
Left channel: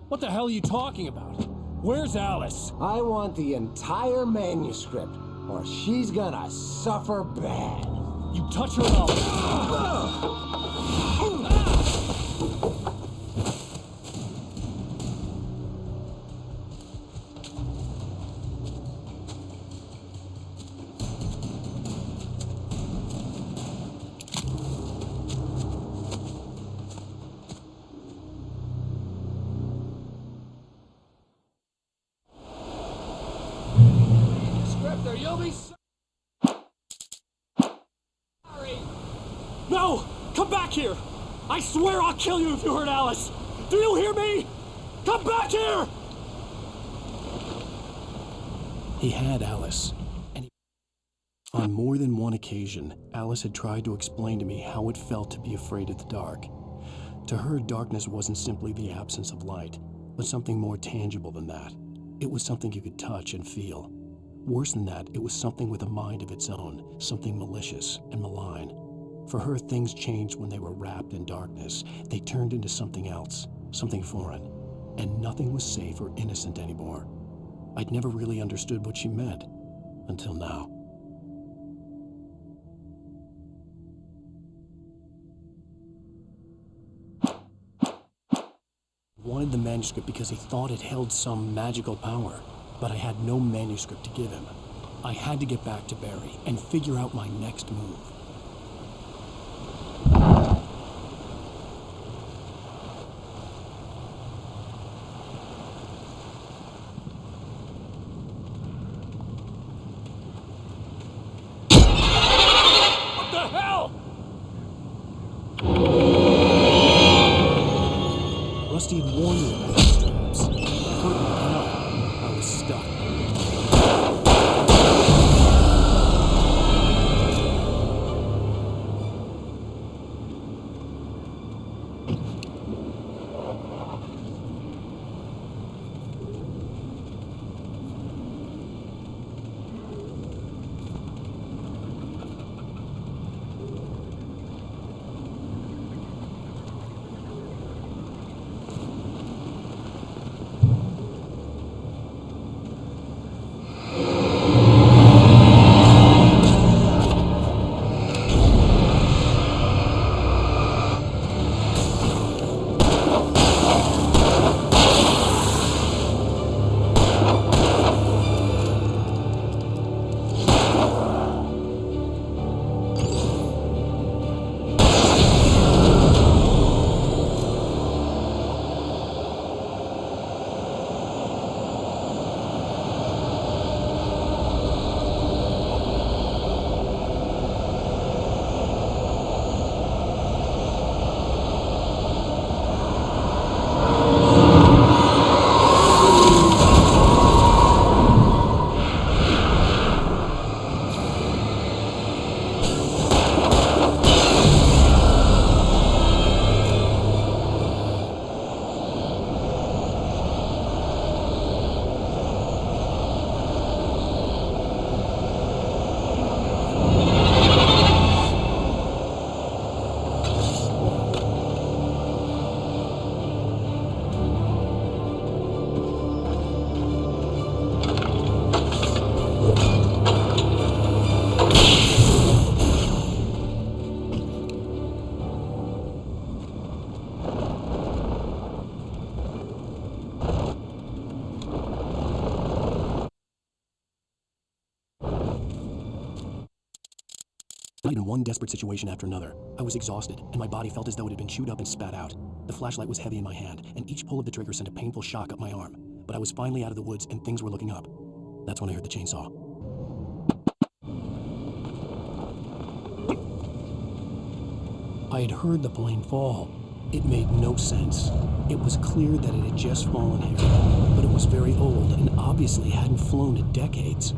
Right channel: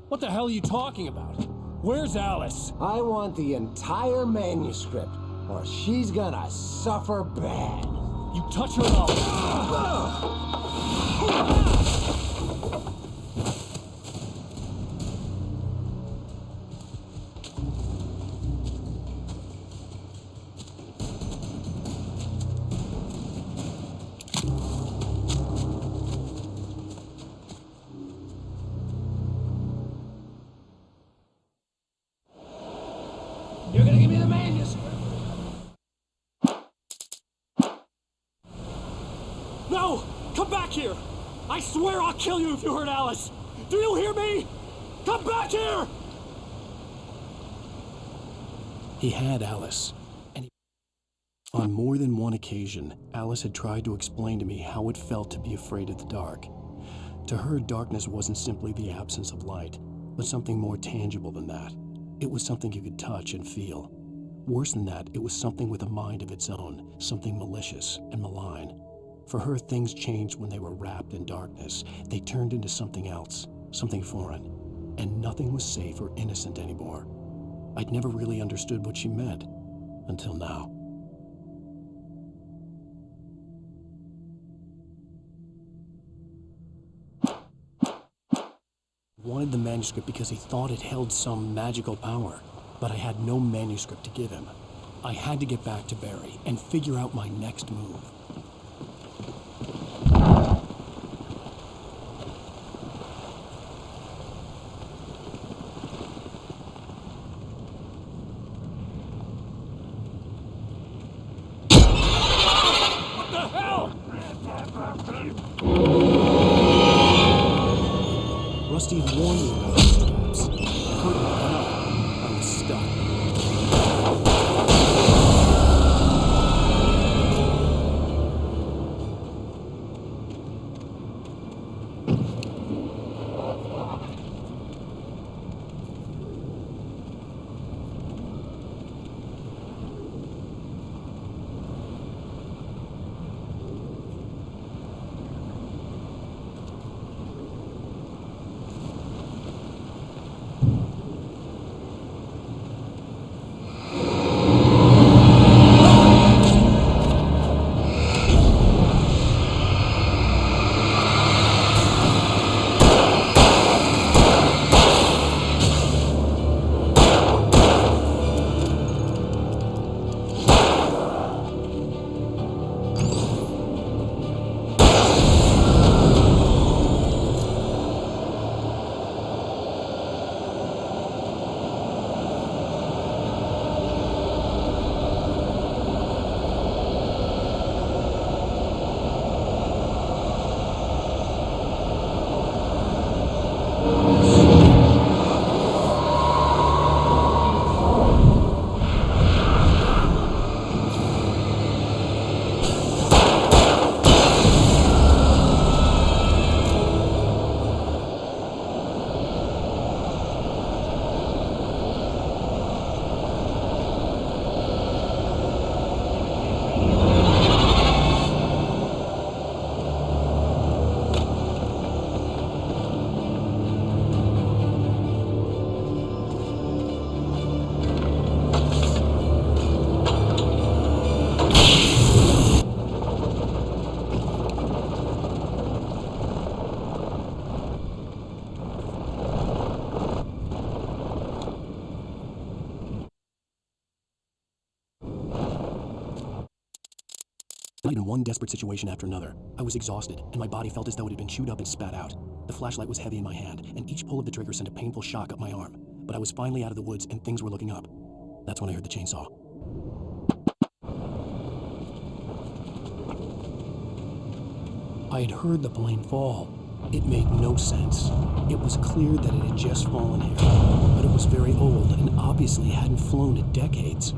What the hell are you talking about? Where's Alice? I want the entire manuscript, or she's gonna suffer bad. You touch her and I'll... You're gonna give me the manuscript or you'll be sorry. No! Come back here! I swear I'll kill you if you hurt Alice! Do you hear me? Come back here! He had Alice, and on more than one occasion, Alice had tried to explain to me how it felt to be afraid of the dark. To her, darkness wasn't simply the absence of light, but something more tangible than that. It was something you could touch and feel. Worse than that, it was something with a mind of its own, something malicious and malign. For her, things changed when they were wrapped in darkness. They turned into something else, something foreign, and nothing was safe or innocent anymore. I'd never really understood what she meant, until now. Wanted the manuscript because he thought it held some magical power, but I had no manuscript to give him. I had to get back to Barry and figure out my next move. What the hell? Rusty had warned me about these traps. I couldn't help. I was stuck. In one desperate situation after another, I was exhausted, and my body felt as though it had been chewed up and spat out. The flashlight was heavy in my hand, and each pull of the trigger sent a painful shock up my arm. But I was finally out of the woods, and things were looking up. That's when I heard the chainsaw. I had heard the plane fall. It made no sense. It was clear that it had just fallen here, but it was very old and obviously hadn't flown in decades.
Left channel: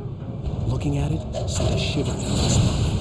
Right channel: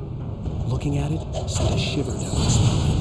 Looking at it sent a shiver down my spine.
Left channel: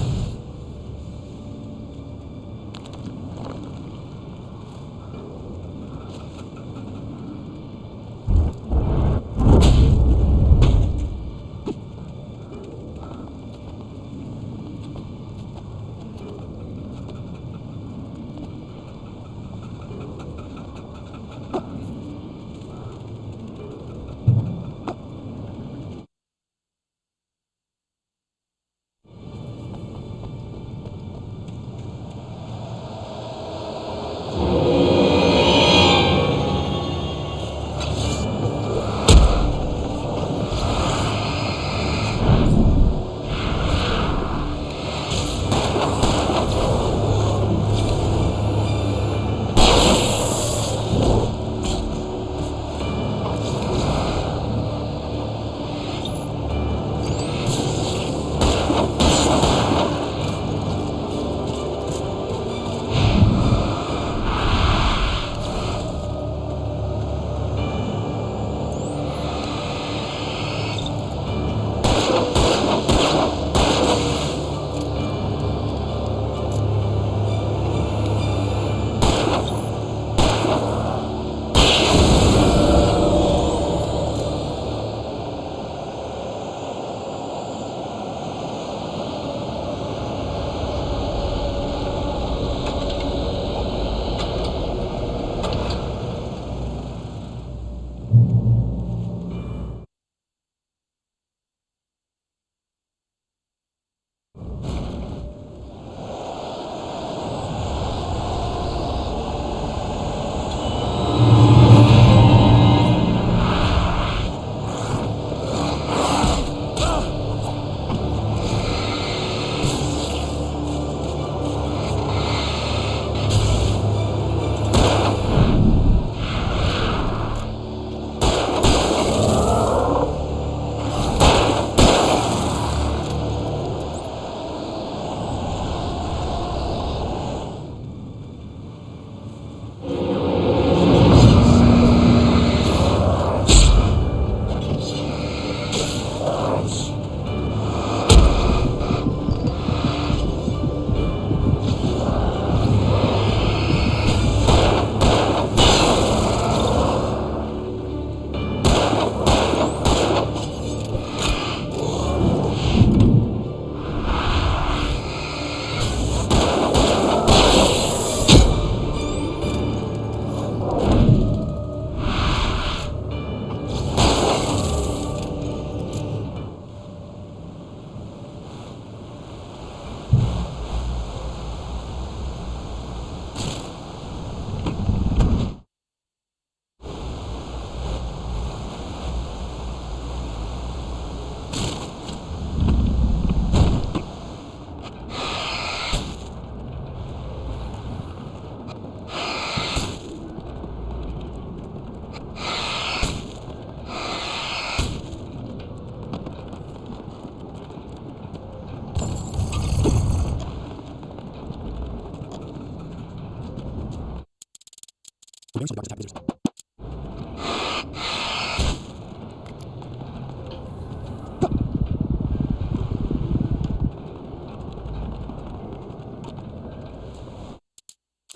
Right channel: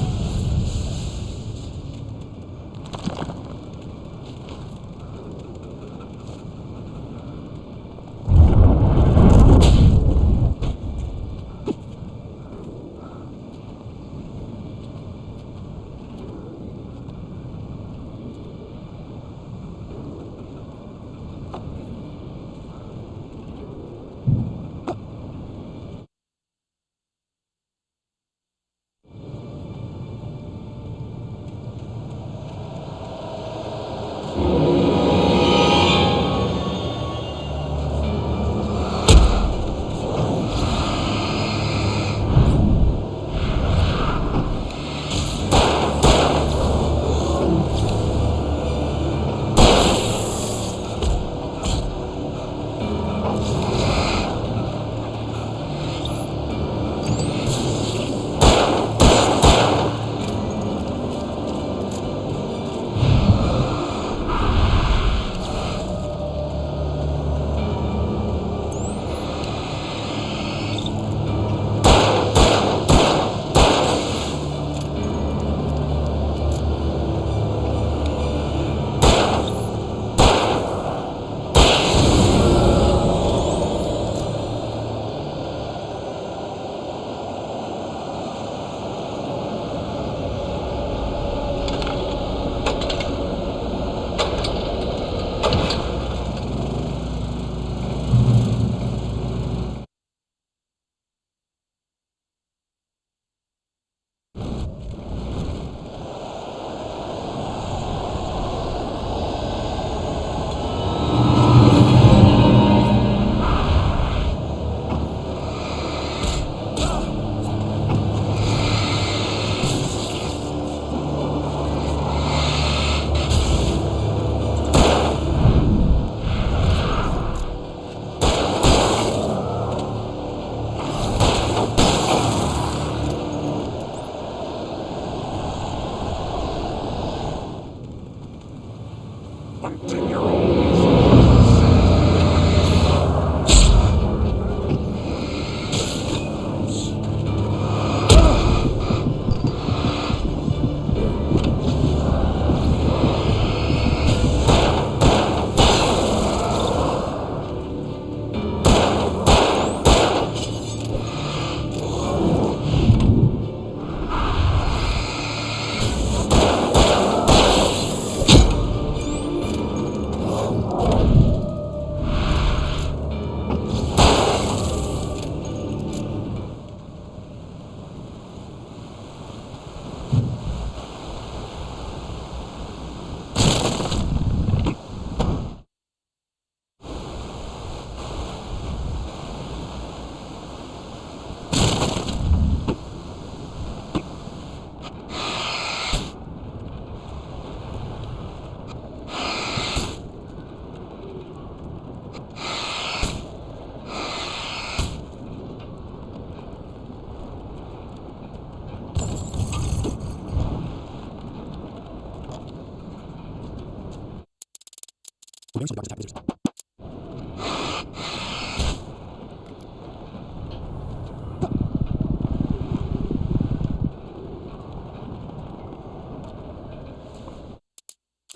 The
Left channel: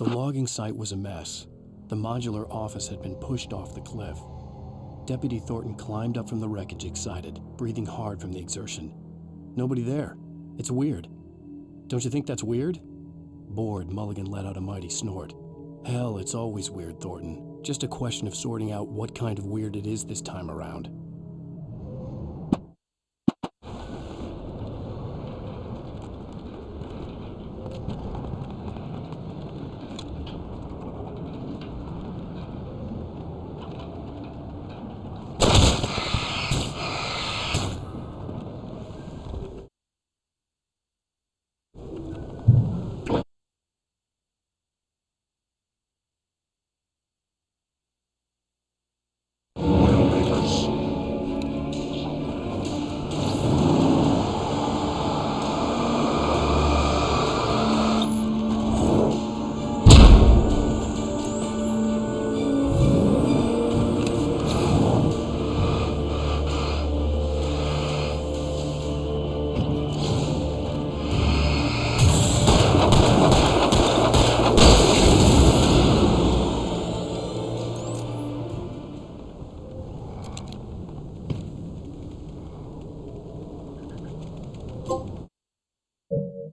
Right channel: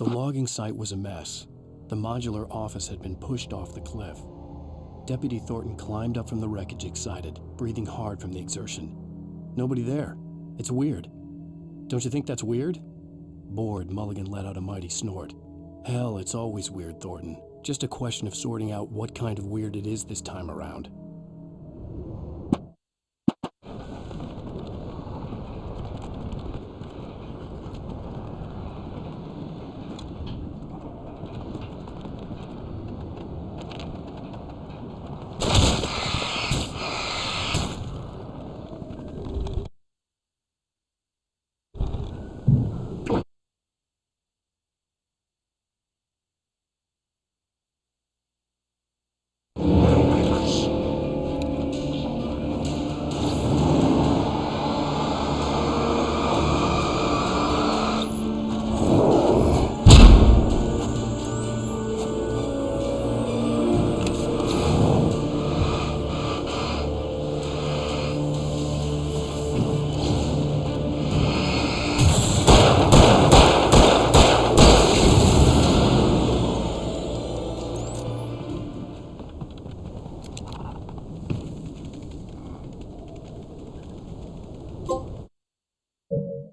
logging site was a mess. The modular office had been pushed off the cliff. Deputy Thornton climbed up from the wreckage excited, breathing hard from the exertion. Nobody there. It's weird. Don't you think that's weird? Bored, Mulligan let out a mighty snort. Hell, it's always weird, Thornton. Just a question of sorting out what kind of weird it is this time around.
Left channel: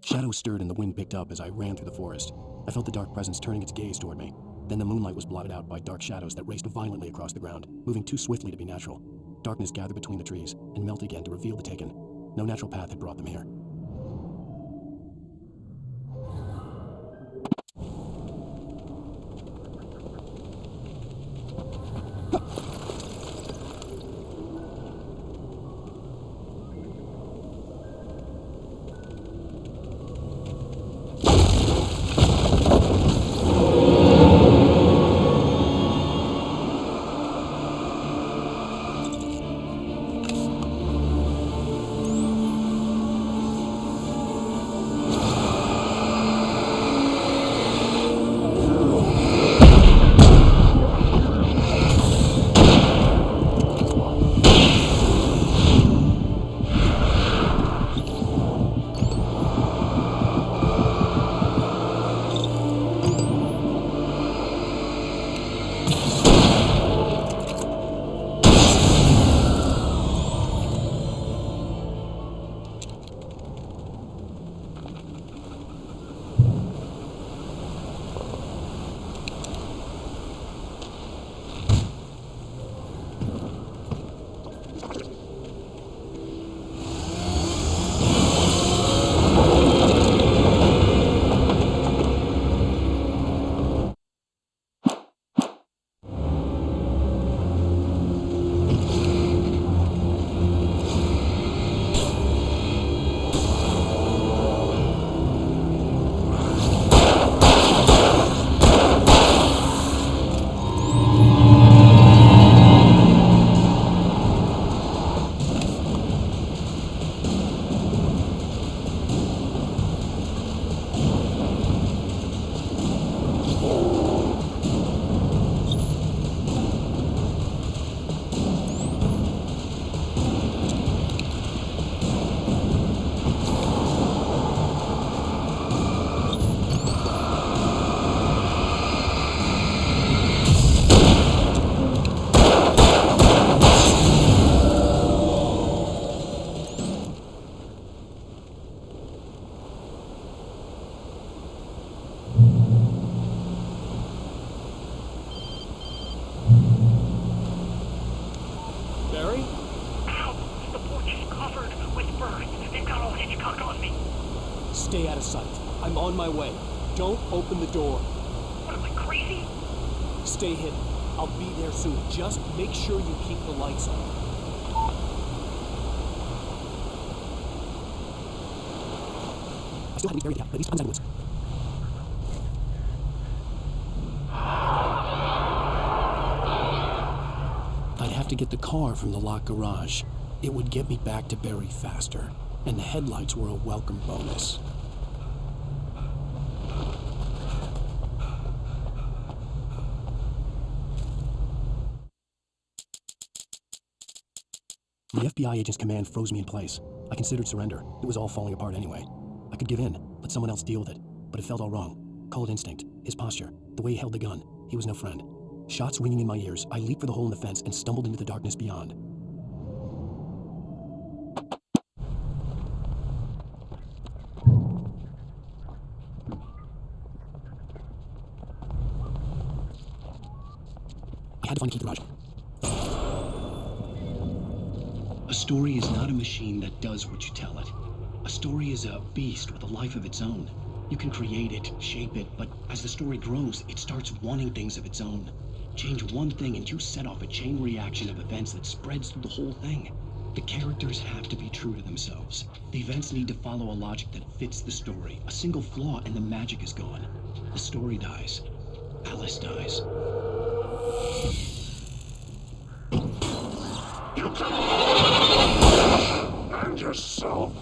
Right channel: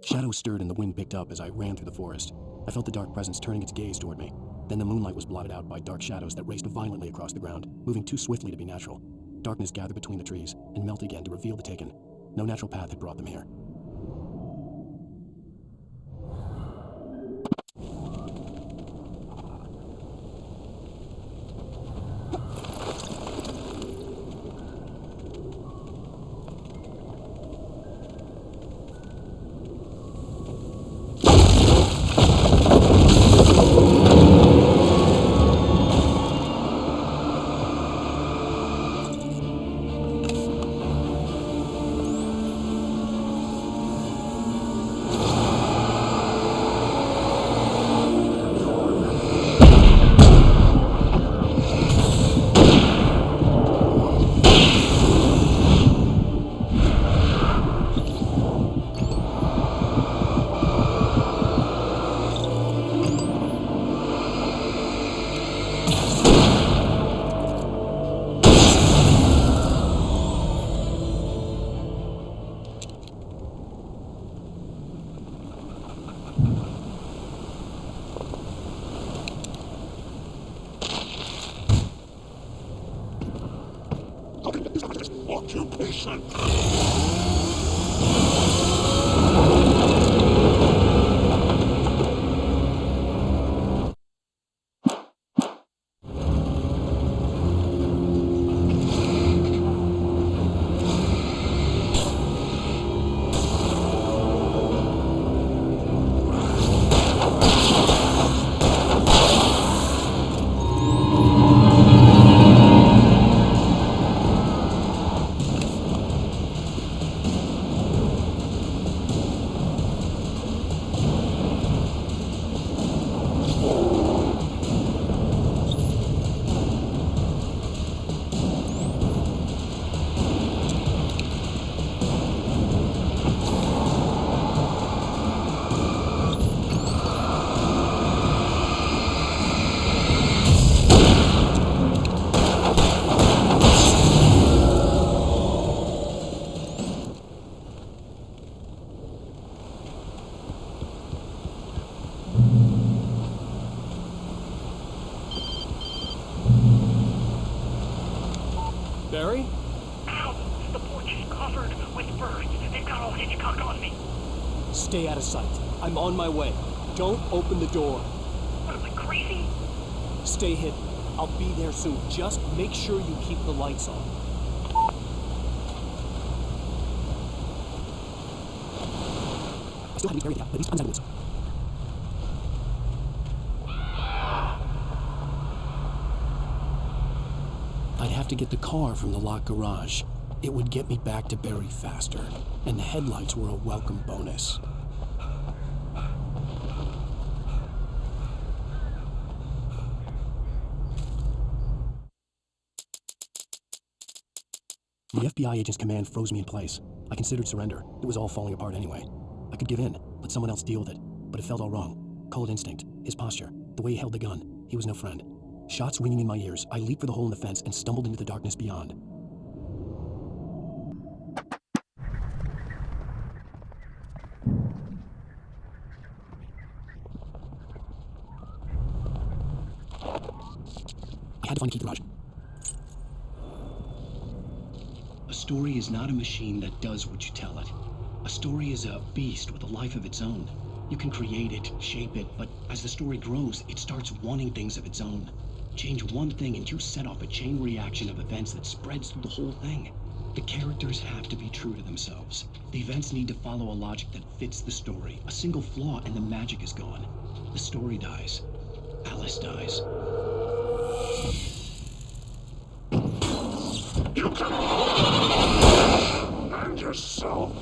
Shadows stirred and the wind picked up as I ran through the forest. I felt the dark presence turning its gaze toward me. Then the moonlight was blotted out by dark shadows that raced violently across the ground, moving too swiftly to be natural. Darkness gathered between the trees and melted again to reveal the Taken. No natural path had brought them here. Barry? Ow! The porch is covered with birds. They've got all Hitchcock on me. Stay out of sight. I'm on my way. Don't open the door. What, am I crazy? Stay hidden. I'll be there soon. Just make sure you keep the lights on. I still haven't buried the cap, but at least I'm inside the woods. I'd have to get the car from the locked garage. It would get me back to Barry faster, and the headlights were a welcome bonus. The FBI agent's command froze me in place. I considered surrender. It was all falling apart anyway. I could give in, let someone else deal with it. But it felt all wrong. Call it instinct. His posture. The way he held the gun. He was no friend. Shots ringing in my ears, I leaped for the hole in the fence and stumbled into the darkness beyond. I had to find the key to the garage. A story is not a machine that does what you tell it. A story is a beast with a life of its own. You can create it, shape it, but as the story grows, it starts wanting things of its own. Change one thing and you set off a chain reaction of events that spreads through the whole thing. The characters have to be true to themselves. The events need to follow a logic that fits the story. A single flaw and the magic is gone. The story dies. Alice dies. You can and yourself.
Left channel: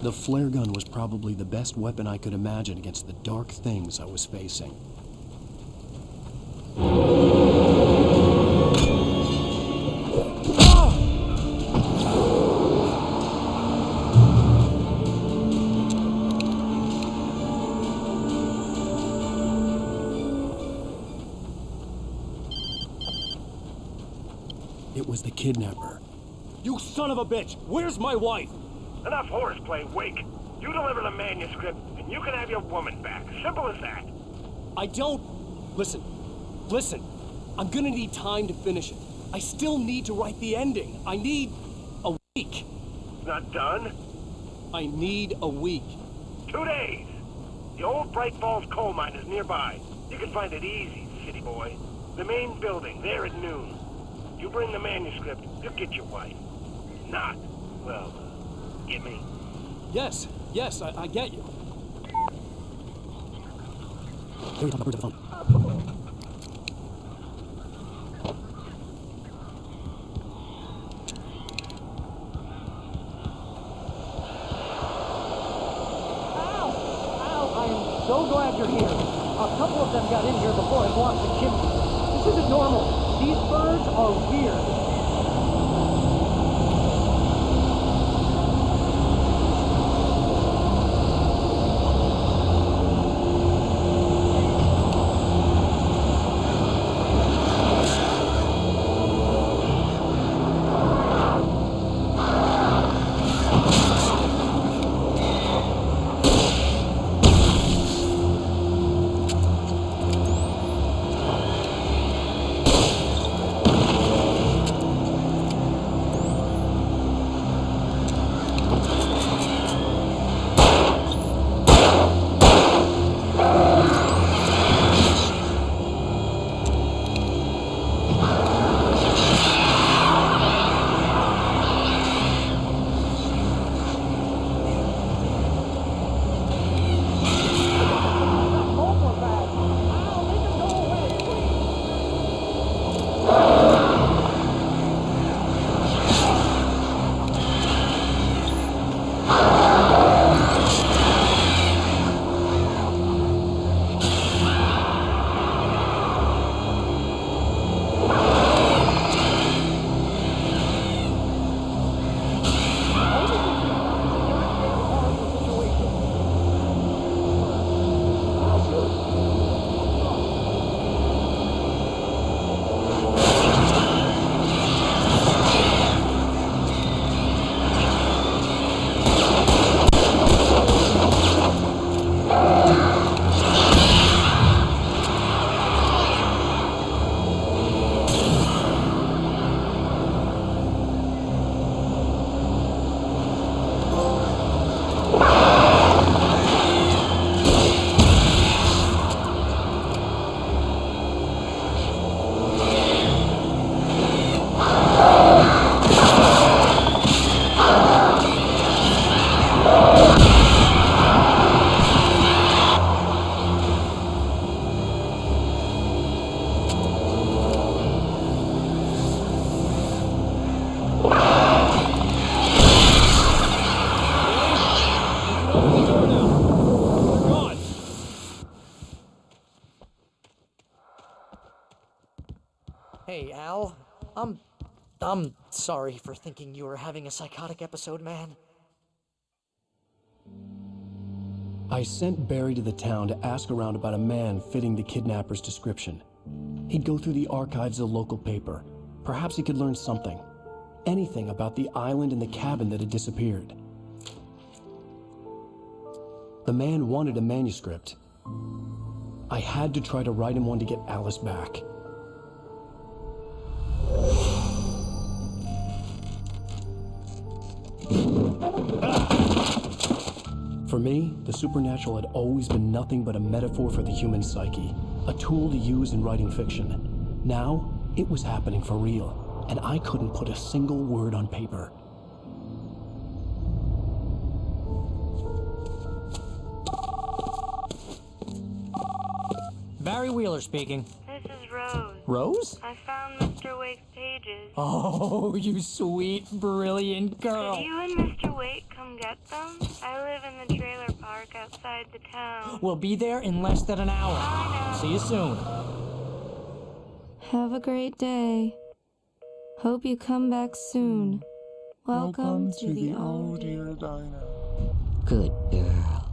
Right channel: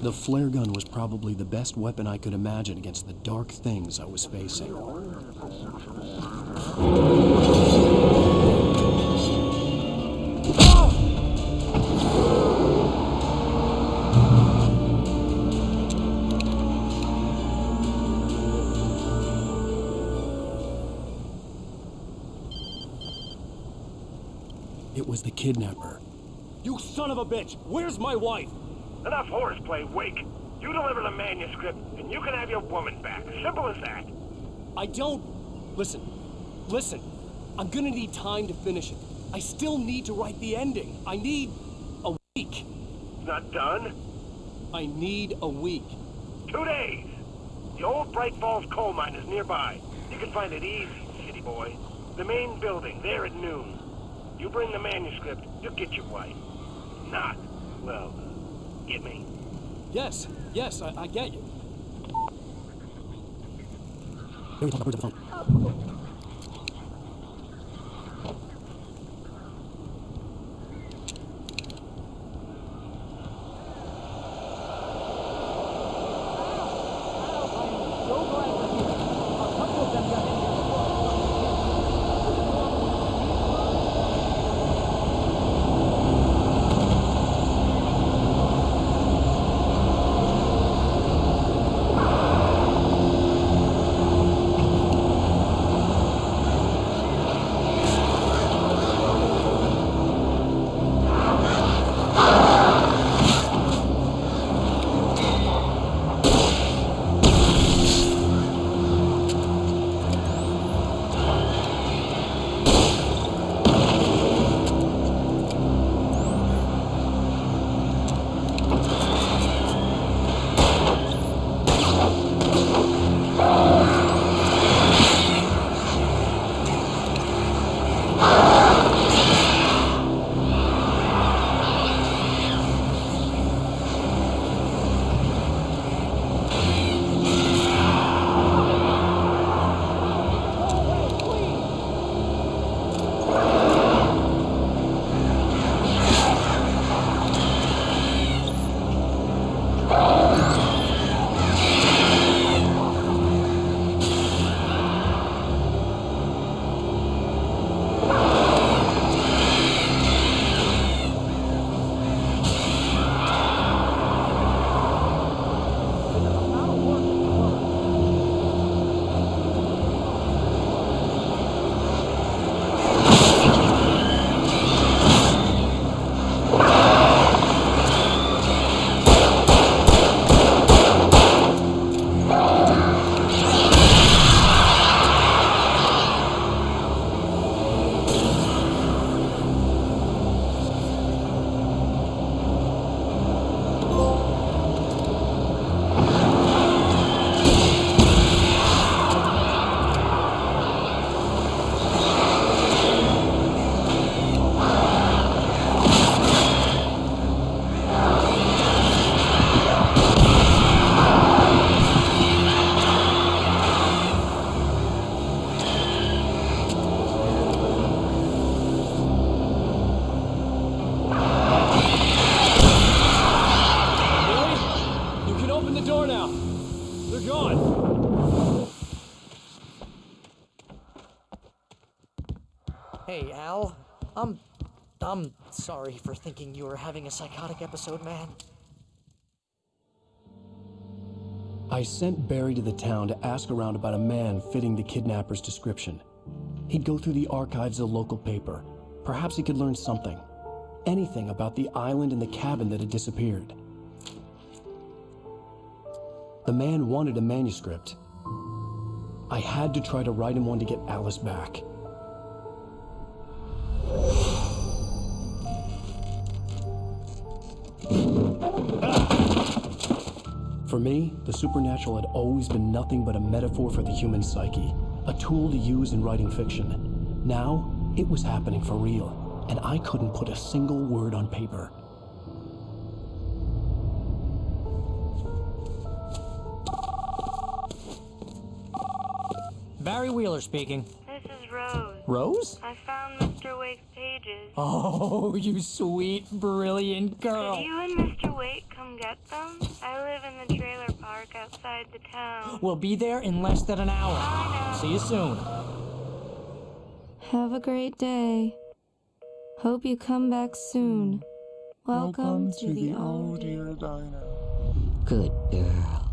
The flare gun was probably the best weapon I could imagine against the dark things I was facing. It was the kidnapper. You son of a bitch! Where's my wife? Enough horseplay, Wake. You deliver the manuscript, and you can have your woman back. Simple as that. I don't... Listen. I'm gonna need time to finish it. I still need to write the ending. I need a week. It's not done? I need a week. 2 days. The old Bright Falls coal mine is nearby. You can find it easy, city boy. The main building, there at noon. You bring the manuscript, you'll get your wife. If not, well, get me? Yes, I get you. There we talk about birds on the phone. I am so glad you're here. A couple of them got in here before I blocked the chimney. This isn't normal. These birds are weird. Hey, Al. I'm sorry for thinking you were having a psychotic episode, man. I sent Barry to the town to ask around about a man fitting the kidnapper's description. He'd go through the archives of the local paper. Perhaps he could learn something. Anything about the island and the cabin that had disappeared. The man wanted a manuscript. I had to try to write him one to get Alice back. For me, the supernatural had always been nothing but a metaphor for the human psyche, a tool to use in writing fiction. Now, it was happening for real, and I couldn't put a single word on paper. Barry Wheeler speaking. This is Rose. Rose? I found Mr. Wake's pages. Oh, you sweet, brilliant girl. Could you and Mr. Wake come get them? I live in the trailer park outside the town. We'll be there in less than an hour. I know. See you soon. Have a great day. Hope you come back soon. Welcome to the old dear diner. Good girl.